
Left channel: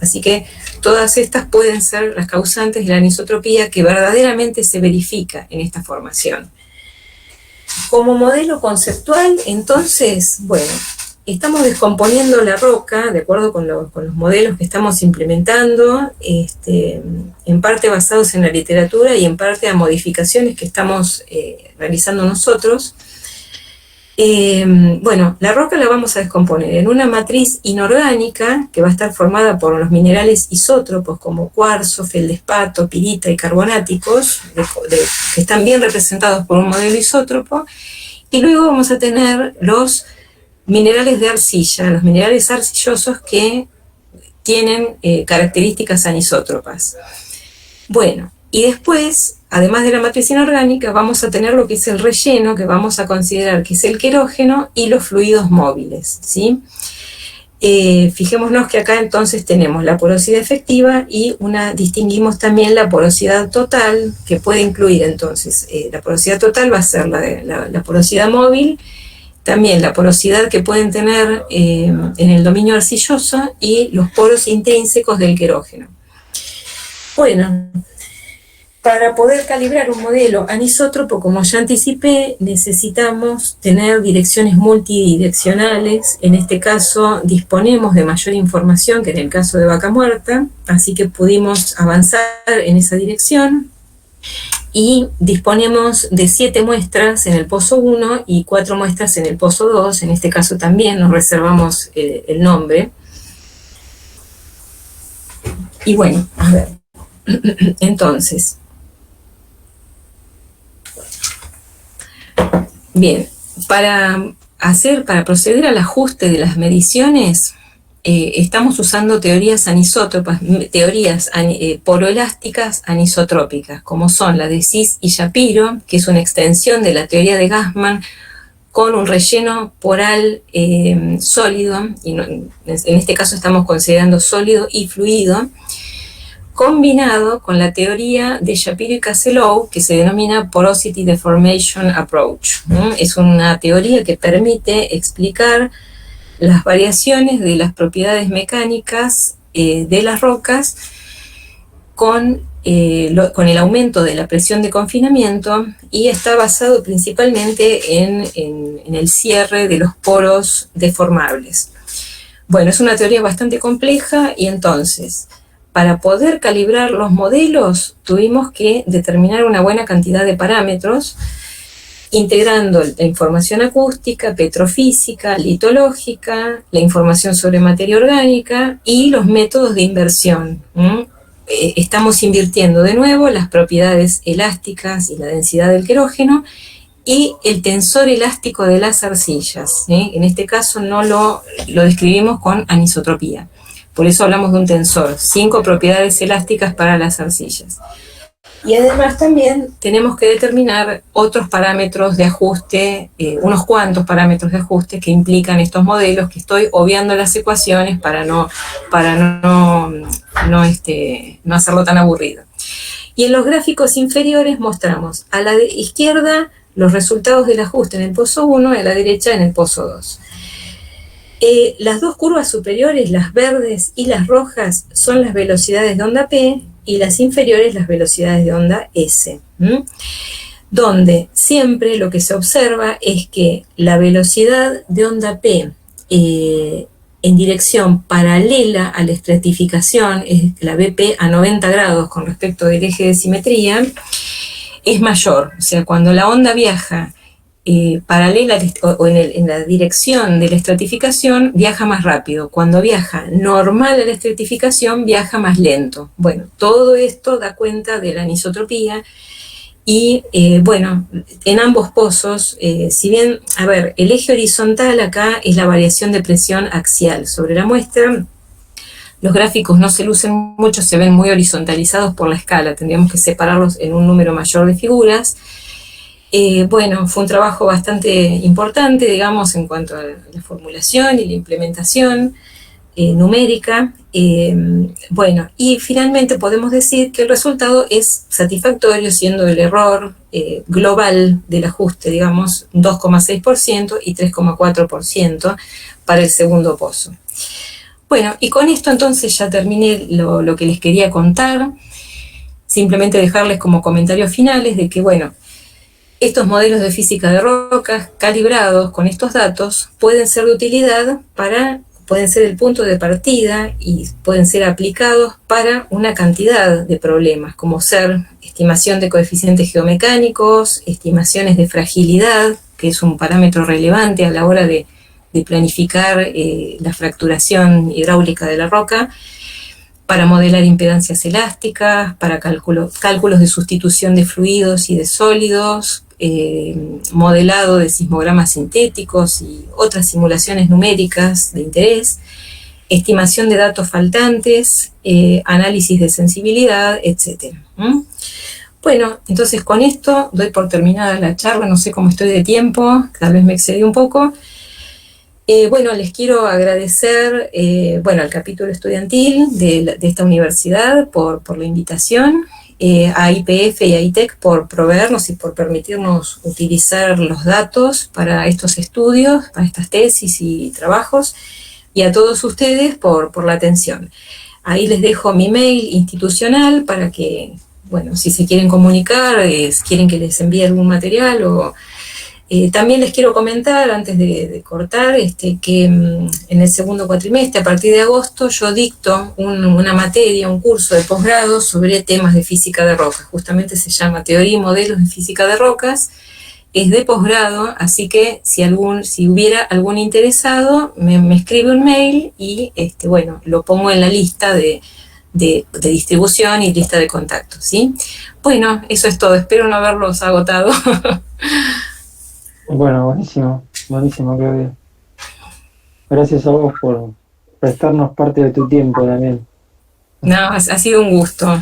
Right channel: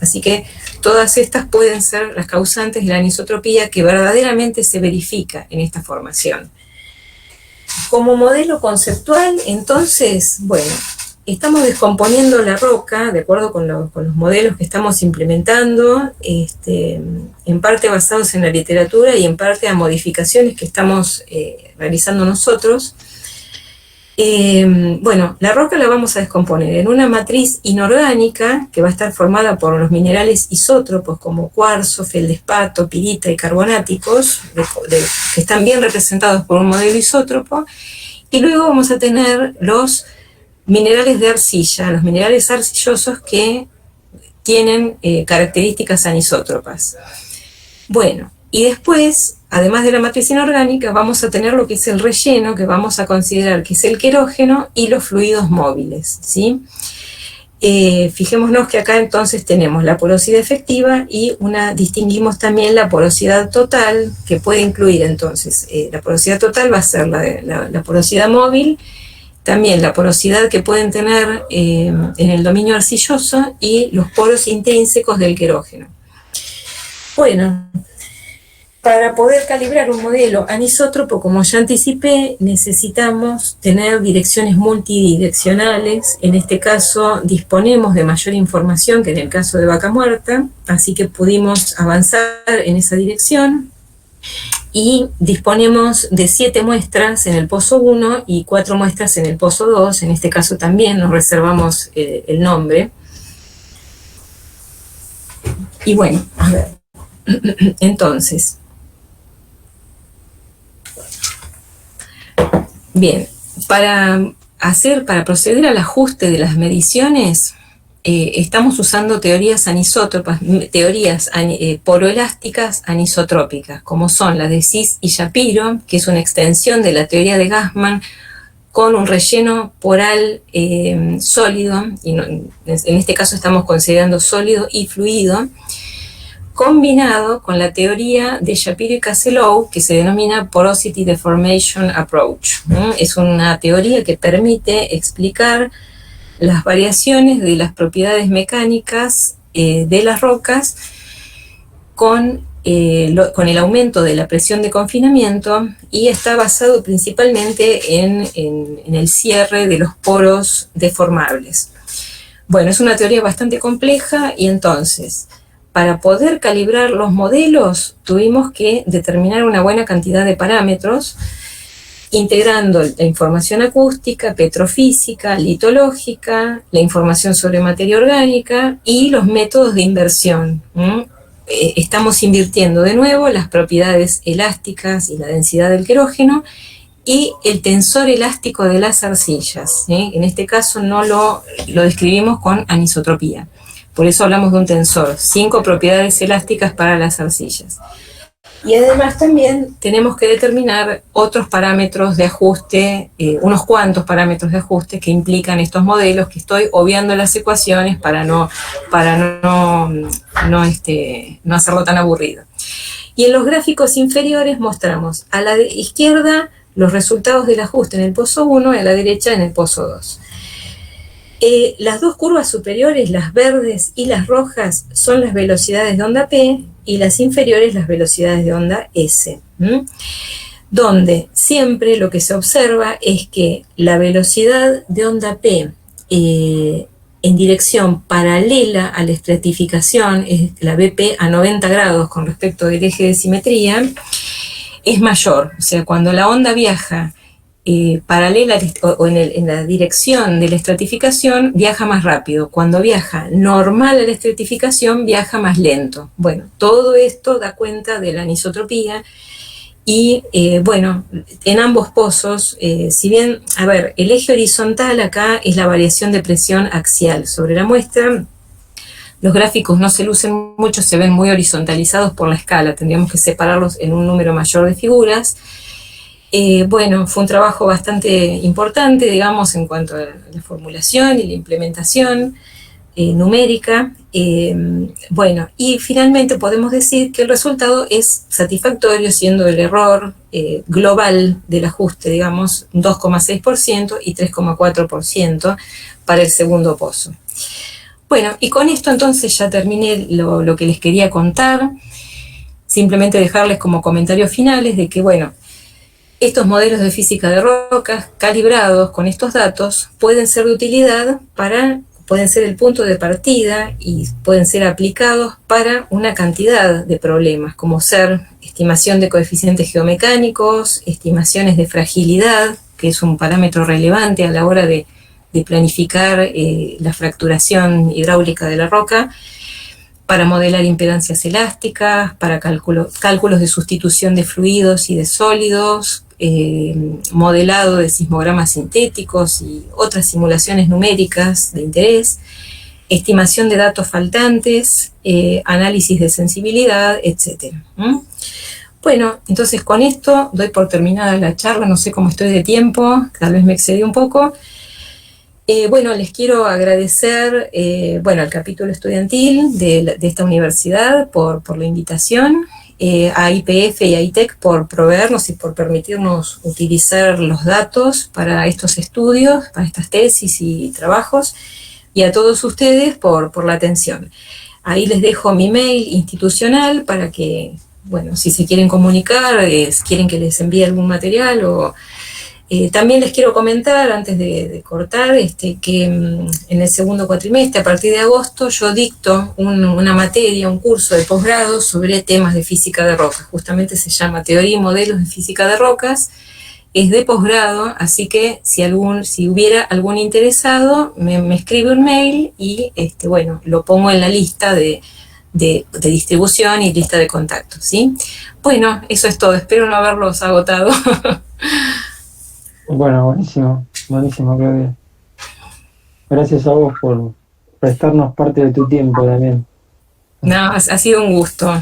Así que todas estas pueden ser las causantes de la anisotropía que verdaderamente se verifica en esta formación. Como modelo conceptual, entonces, bueno, estamos descomponiendo la roca de acuerdo con los modelos que estamos implementando, en parte basados en la literatura y en parte a modificaciones que estamos realizando nosotros. Bueno, la roca la vamos a descomponer en una matriz inorgánica que va a estar formada por los minerales isótropos como cuarzo, feldespato, pirita y carbonáticos, que están bien representados por un modelo isótropo, y luego vamos a tener los minerales de arcilla, los minerales arcillosos que tienen características anisótropas. Bueno, y después, además de la matriz inorgánica, vamos a tener lo que es el relleno, que vamos a considerar que es el querógeno y los fluidos móviles, ¿sí? Fijémonos que acá entonces tenemos la porosidad efectiva y distinguimos también la porosidad total, que puede incluir entonces, la porosidad total va a ser la porosidad móvil, también la porosidad que pueden tener en el dominio arcilloso y los poros intrínsecos del querógeno. Bueno, para poder calibrar un modelo anisótropo, como ya anticipé, necesitamos tener direcciones multidireccionales. En este caso disponemos de mayor información que en el caso de Vaca Muerta, así que pudimos avanzar en esa dirección y disponemos de 7 muestras en el pozo 1 y 4 muestras en el pozo 2. En este caso también nos reservamos el nombre. Y bueno, a ver, entonces, bien, para proceder al ajuste de las mediciones, estamos usando teorías anisótropas, teorías poroelásticas anisotrópicas, como son las de Cis y Shapiro, que es una extensión de la teoría de Gassman, con un relleno poral sólido, y no, en este caso estamos considerando sólido y fluido, combinado con la teoría de Shapiro y Casselow, que se denomina Porosity Deformation Approach. Es una teoría que permite explicar las variaciones de las propiedades mecánicas de las rocas con el aumento de la presión de confinamiento, y está basado principalmente en el cierre de los poros deformables. Bueno, es una teoría bastante compleja, y entonces, para poder calibrar los modelos, tuvimos que determinar una buena cantidad de parámetros, integrando la información acústica, petrofísica, litológica, la información sobre materia orgánica y los métodos de inversión. Estamos invirtiendo de nuevo las propiedades elásticas y la densidad del querógeno y el tensor elástico de las arcillas. En este caso no lo describimos con anisotropía. Por eso hablamos de un tensor, 5 propiedades elásticas para las arcillas. Y además también tenemos que determinar otros parámetros de ajuste, unos cuantos parámetros de ajuste que implican estos modelos, que estoy obviando las ecuaciones para no hacerlo tan aburrido. Y en los gráficos inferiores mostramos a la izquierda los resultados del ajuste en el pozo 1 y a la derecha en el pozo 2. Las dos curvas superiores, las verdes y las rojas, son las velocidades de onda P, y las inferiores las velocidades de onda S, donde siempre lo que se observa es que la velocidad de onda P en dirección paralela a la estratificación, es la BP a 90 grados con respecto del eje de simetría, es mayor. O sea, cuando la onda viaja paralela o en la dirección de la estratificación, viaja más rápido. Cuando viaja normal a la estratificación, viaja más lento. Bueno, todo esto da cuenta de la anisotropía. Y bueno, en ambos pozos, si bien, a ver, el eje horizontal acá es la variación de presión axial sobre la muestra. Los gráficos no se lucen mucho, se ven muy horizontalizados por la escala, tendríamos que separarlos en un número mayor de figuras. Bueno, fue un trabajo bastante importante, digamos, en cuanto a la formulación y la implementación numérica. Bueno, y finalmente podemos decir que el resultado es satisfactorio, siendo el error global del ajuste, digamos, 2,6% y 3,4% para el segundo pozo. Bueno, y con esto entonces ya terminé lo que les quería contar. Simplemente dejarles como comentarios finales de que, bueno, estos modelos de física de rocas calibrados con estos datos pueden ser de utilidad pueden ser el punto de partida y pueden ser aplicados para una cantidad de problemas, como ser estimación de coeficientes geomecánicos, estimaciones de fragilidad, que es un parámetro relevante a la hora de planificar la fracturación hidráulica de la roca, para modelar impedancias elásticas, para cálculos de sustitución de fluidos y de sólidos, modelado de sismogramas sintéticos y otras simulaciones numéricas de interés, estimación de datos faltantes, análisis de sensibilidad, etc. Bueno, entonces con esto doy por terminada la charla, no sé cómo estoy de tiempo, tal vez me excedí un poco. Bueno, les quiero agradecer al capítulo estudiantil de esta universidad por la invitación, a IPF y a ITEC por proveernos y por permitirnos utilizar los datos para estos estudios, para estas tesis y trabajos, y a todos ustedes por la atención. Ahí les dejo mi mail institucional para que, bueno, si se quieren comunicar, quieren que les envíe algún material o... también les quiero comentar, antes de cortar, que en el segundo cuatrimestre, a partir de agosto, yo dicto una materia, un curso de posgrado sobre temas de física de rocas. Justamente se llama Teoría y Modelos de Física de Rocas. Es de posgrado, así que si hubiera algún interesado, me escribe un mail y bueno, lo pongo en la lista de distribución y lista de contactos, ¿sí? Bueno, eso es todo. Espero no haberlos agotado. Bueno, buenísimo, Claudia. Gracias a vos prestarnos parte de tu tiempo también. No, ha sido un gusto.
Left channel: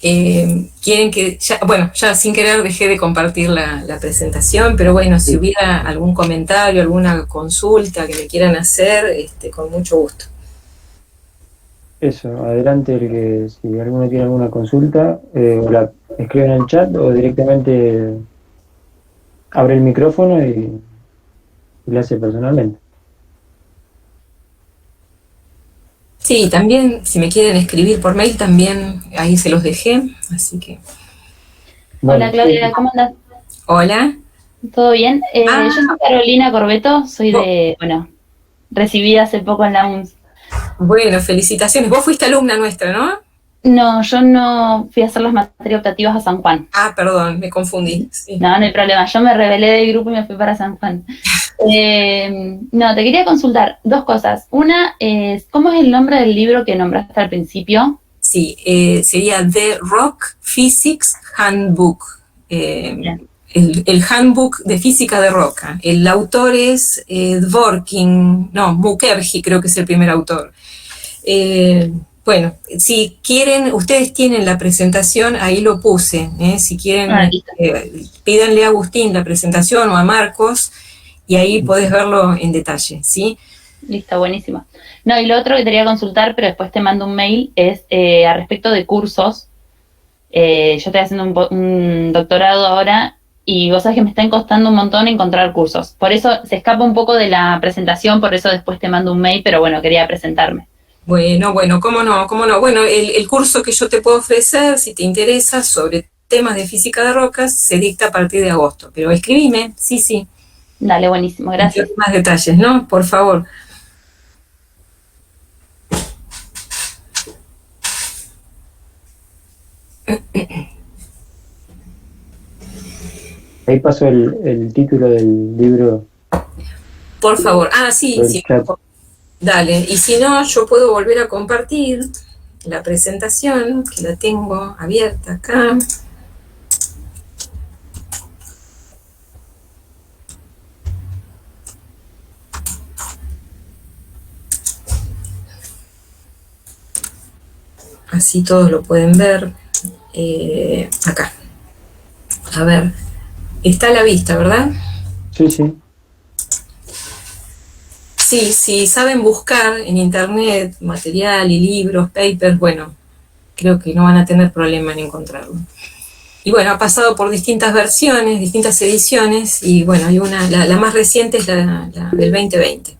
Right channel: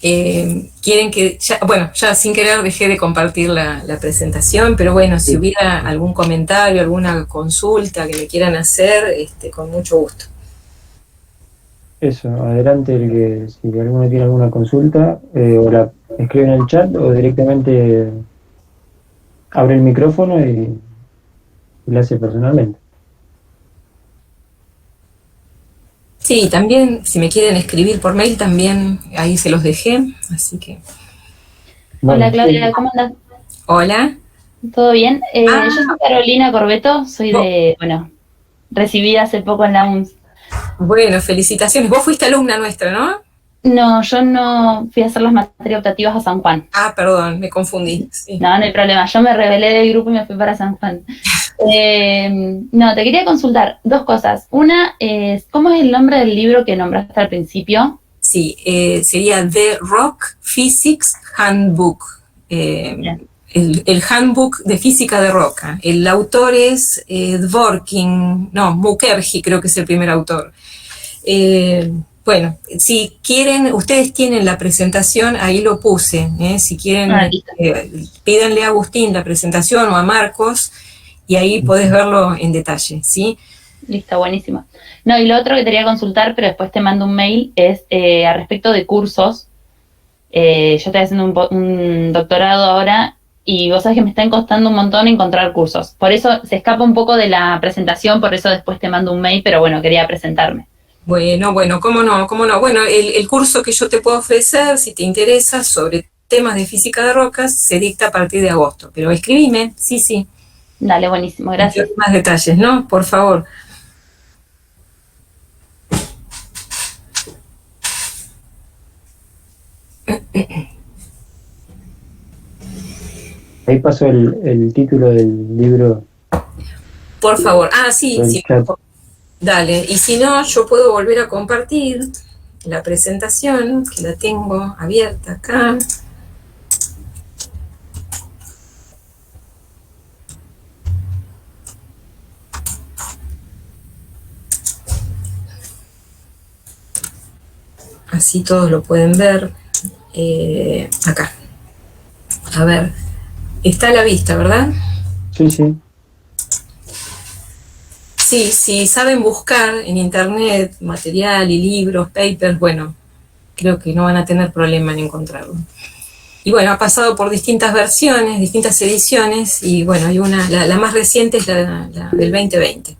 Quieren que, ya, bueno, ya sin querer dejé de compartir la presentación, pero bueno, si Sí. hubiera algún comentario, alguna consulta que me quieran hacer, con mucho gusto. Eso, adelante, el que si alguno tiene alguna consulta, o la escribe en el chat o directamente abre el micrófono y lo hace personalmente. Sí, también si me quieren escribir por mail, también ahí se los dejé, así que... Bueno, Hola Claudia, ¿cómo andás? Hola. ¿Todo bien? Yo soy Carolina Corbeto, soy Oh, recibida hace poco en la UNS. bueno, felicitaciones. Vos fuiste alumna nuestra, ¿no? No, yo no fui a hacer las materias optativas a San Juan. Ah, perdón, me confundí. Sí. No, no hay problema, yo me rebelé del grupo y me fui para San Juan. No, te quería consultar dos cosas. Una es, ¿cómo es el nombre del libro que nombraste al principio? Sí, sería The Rock Physics Handbook. El handbook de física de roca. El autor es Mukherjee creo que es el primer autor. Bueno, si quieren, ustedes tienen la presentación, ahí lo puse. Si quieren, pídanle a Agustín la presentación o a Marcos y ahí podés verlo en detalle, ¿sí? Listo, buenísimo. No, y lo otro que te quería consultar, pero después te mando un mail, es a respecto de cursos. Yo estoy haciendo un doctorado ahora y vos sabés que me está costando un montón encontrar cursos. Por eso se escapa un poco de la presentación, por eso después te mando un mail, pero bueno, quería presentarme. Bueno, cómo no. Bueno, el curso que yo te puedo ofrecer, si te interesa, sobre temas de física de rocas, se dicta a partir de agosto. Pero escribime, sí. Dale, buenísimo, gracias. Más detalles, ¿no? Por favor. Ahí pasó el título del libro. Por favor. Sí. Dale. Y si no, yo puedo volver a compartir la presentación, que la tengo abierta acá. Así todos lo pueden ver. Acá. A ver. Está a la vista, ¿verdad? Sí. Sí, saben buscar en internet material y libros, papers, bueno, creo que no van a tener problema en encontrarlo. Y bueno, ha pasado por distintas versiones, distintas ediciones, y bueno, hay una, la más reciente es la del 2020.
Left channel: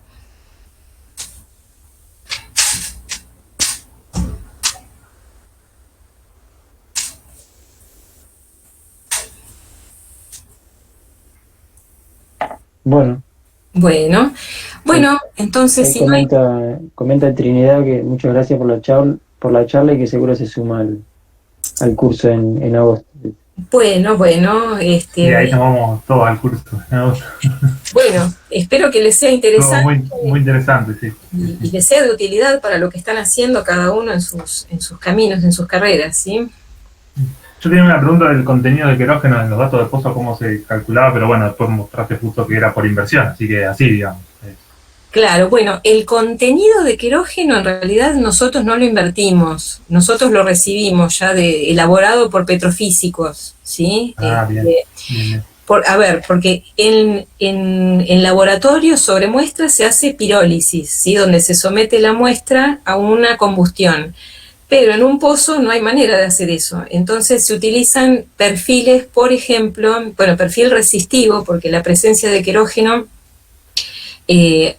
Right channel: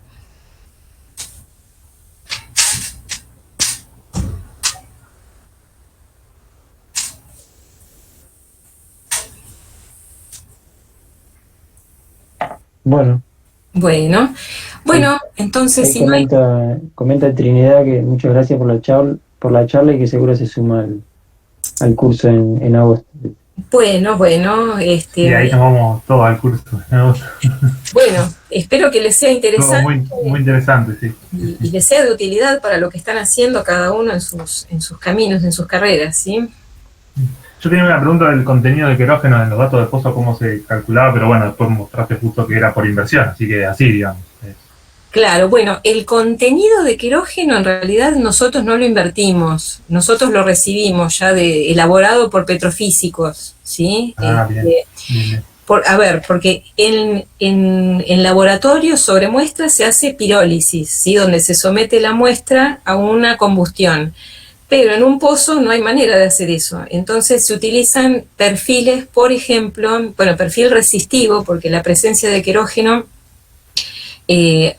Bueno, entonces si comenta Trinidad que muchas gracias por la charla y que seguro se suma al curso en agosto. Bueno. Y ahí nos vamos todos al curso. Bueno, espero que les sea interesante. Muy interesante, sí. Y les sea de utilidad para lo que están haciendo cada uno en sus caminos, en sus carreras, ¿sí? Yo tenía una pregunta del contenido de querógeno en los datos de pozo, cómo se calculaba, pero bueno, después mostraste justo que era por inversión, así que así, digamos. Claro, bueno, el contenido de querógeno en realidad nosotros no lo invertimos, nosotros lo recibimos ya elaborado por petrofísicos, ¿sí? Bien. Porque en laboratorio sobre muestras se hace pirólisis, ¿sí? Donde se somete la muestra a una combustión. Pero en un pozo no hay manera de hacer eso. Entonces se utilizan perfiles, por ejemplo, perfil resistivo, porque la presencia de querógeno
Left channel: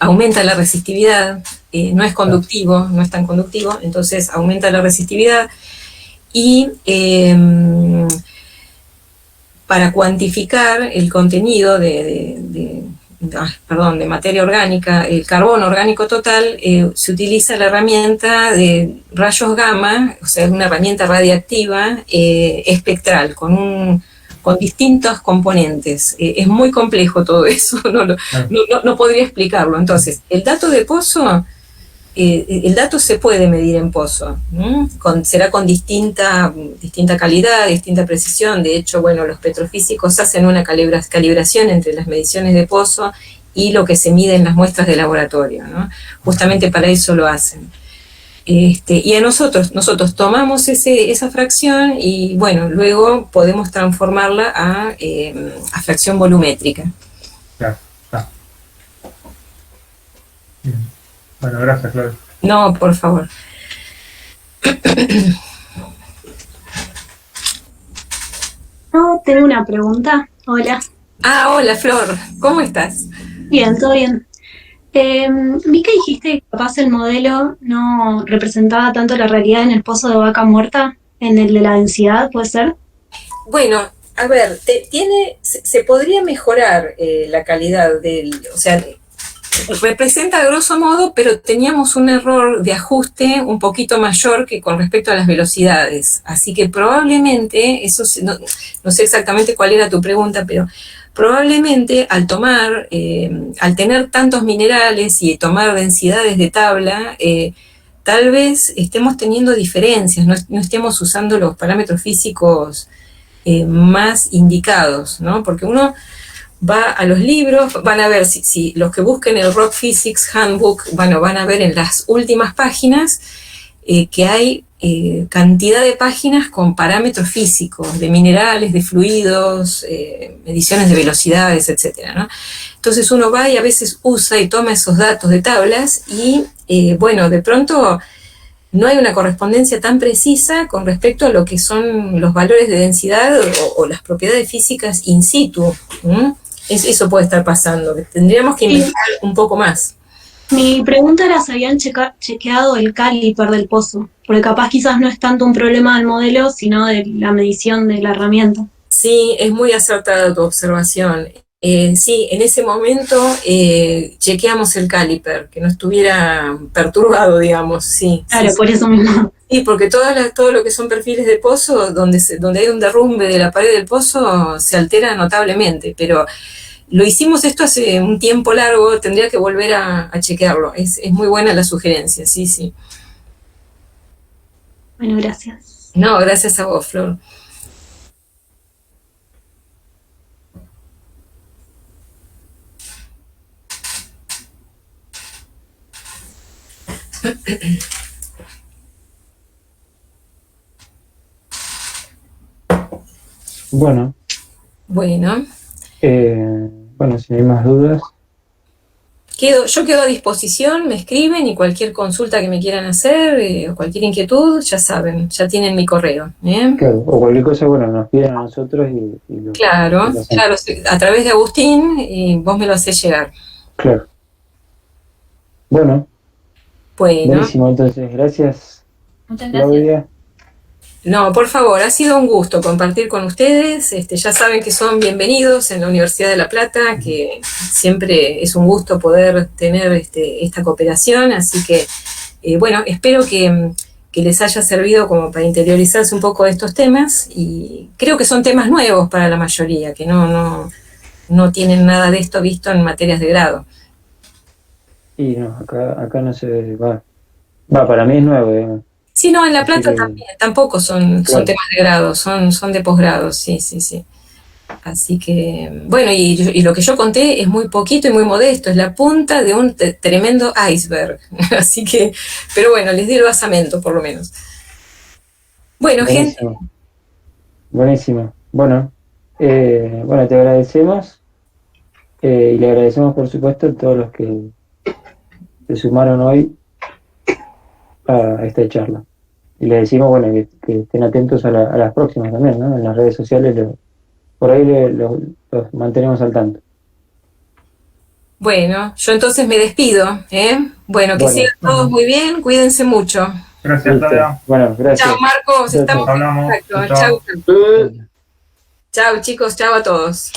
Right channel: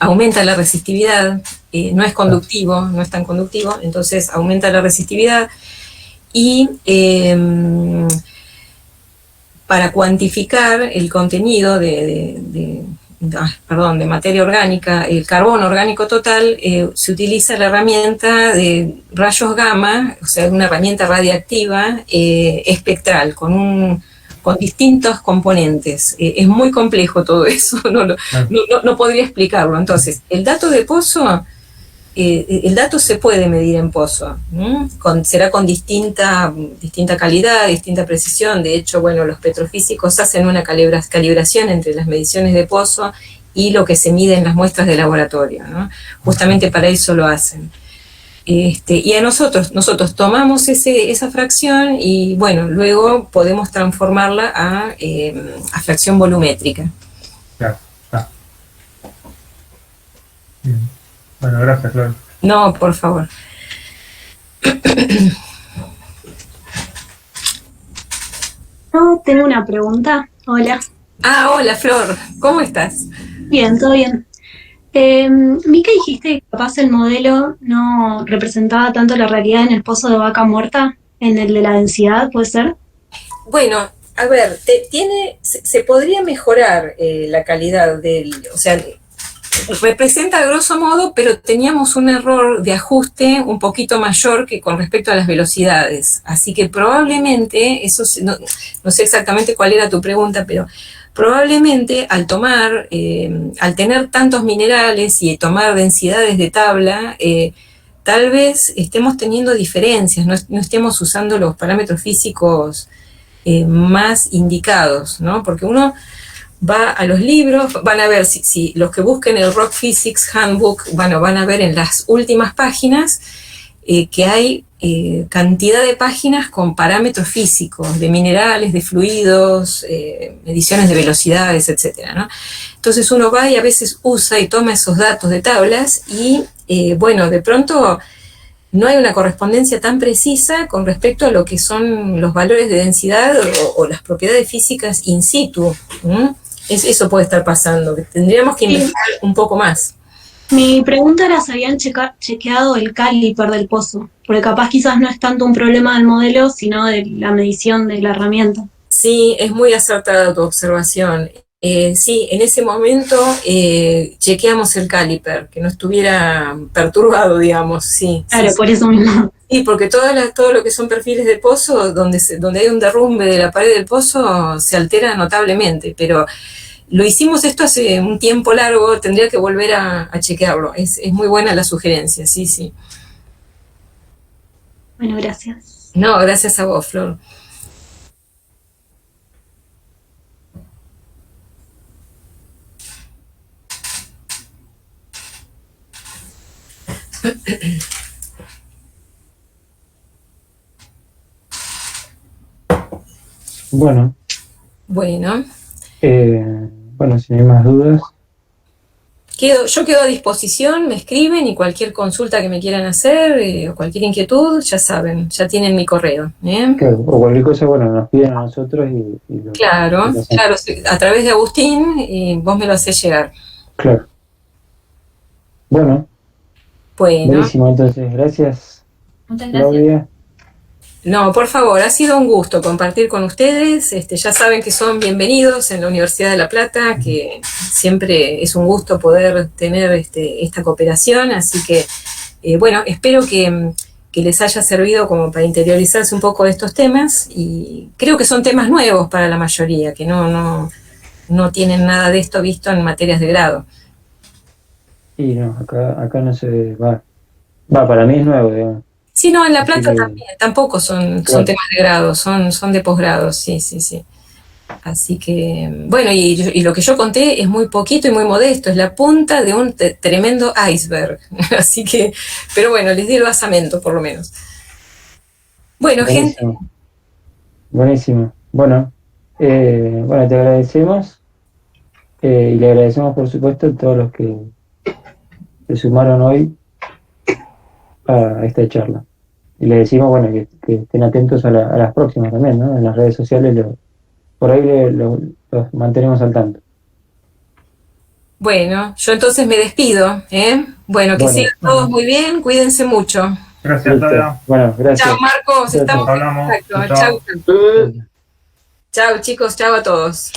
aumenta la resistividad, no es conductivo, no es tan conductivo, entonces aumenta la resistividad y para cuantificar el contenido de materia orgánica, el carbono orgánico total, se utiliza la herramienta de rayos gamma, o sea, una herramienta radiactiva espectral, con distintos componentes. Es muy complejo todo eso, no podría explicarlo. Entonces, el dato de pozo, el dato se puede medir en pozo, será con distinta calidad, distinta precisión. De hecho, bueno, los petrofísicos hacen una calibración entre las mediciones de pozo y lo que se mide en las muestras de laboratorio, ¿no? Justamente para eso lo hacen. Y a nosotros tomamos esa fracción y bueno, luego podemos transformarla a fracción volumétrica. Claro, está. Bien. Bueno, gracias, Claudia. No, por favor. No, tengo una pregunta. Hola. Hola Flor, ¿cómo estás? Bien, todo bien. Vi que dijiste que capaz el modelo no representaba tanto la realidad en el pozo de vaca muerta, en el de la densidad, ¿puede ser? Bueno, a ver, se podría mejorar la calidad o sea, representa a grosso modo, pero teníamos un error de ajuste un poquito mayor que con respecto a las velocidades. Así que probablemente, no sé exactamente cuál era tu pregunta, pero probablemente al tener tantos minerales y tomar densidades de tabla, tal vez estemos teniendo diferencias, no estemos usando los parámetros físicos más indicados, ¿no? Porque uno va a los libros, van a ver, si los que busquen el Rock Physics Handbook, bueno, van a ver en las últimas páginas que hay cantidad de páginas con parámetros físicos, de minerales, de fluidos, mediciones de velocidades, etcétera, ¿no? Entonces uno va y a veces usa y toma esos datos de tablas y, bueno, de pronto no hay una correspondencia tan precisa con respecto a lo que son los valores de densidad o las propiedades físicas in situ. Eso puede estar pasando, que tendríamos que investigar un poco más. Mi pregunta era si habían chequeado el caliper del pozo, porque capaz quizás no es tanto un problema del modelo, sino de la medición de la herramienta. Sí, es muy acertada tu observación. Sí, en ese momento chequeamos el caliper, que no estuviera perturbado, digamos, sí. Claro, sí, por eso mismo. Sí, porque todo lo que son perfiles de pozo, donde hay un derrumbe de la pared del pozo, se altera notablemente, pero lo hicimos esto hace un tiempo largo, tendría que volver a chequearlo. Es muy buena la sugerencia, sí, sí. Bueno, gracias. No, gracias a vos, Flor. Bueno, Bueno, bueno, si no hay más dudas, yo quedo a disposición, me escriben y cualquier consulta que me quieran hacer o cualquier inquietud, ya saben, ya tienen mi correo. claro, o cualquier cosa, bueno, nos piden a nosotros y lo Claro, hacemos. claro, a través de Agustín y vos me lo hacés llegar. Claro. Bueno, Bueno, buenísimo, entonces, gracias, Muchas gracias. Claudia. no, por favor, ha sido un gusto compartir con ustedes. Ya saben que son bienvenidos en la Universidad de La Plata, que siempre es un gusto poder tener esta cooperación. Así que, bueno, espero que les haya servido como para interiorizarse un poco de estos temas. Y creo que son temas nuevos para la mayoría, que no tienen nada de esto visto en materias de grado. Y no, acá no se va. Para mí es nuevo, digamos. Sí, no, en La Así Plata que, también, tampoco son claro. temas de grado, son de posgrado, sí, sí, sí. Así que, bueno, y lo que yo conté es muy poquito y muy modesto, es la punta de un tremendo iceberg. Así que, pero bueno, les di el basamento por lo menos. Bueno, gente, Buenísimo. Buenísimo. Bueno, te agradecemos y le agradecemos, por supuesto, a todos los que se sumaron hoy a esta charla. Y le decimos, bueno, que estén atentos a las próximas también, ¿no? En las redes sociales, por ahí los mantenemos al tanto. bueno, yo entonces me despido, ¿eh? Bueno, que Bueno, sigan todos muy bien, cuídense mucho. Gracias, listo. Claudia. Bueno, gracias. Chao, Marcos, Chao, estamos chao. en Hablamos. contacto. Chao. Chao, chicos, chao a todos.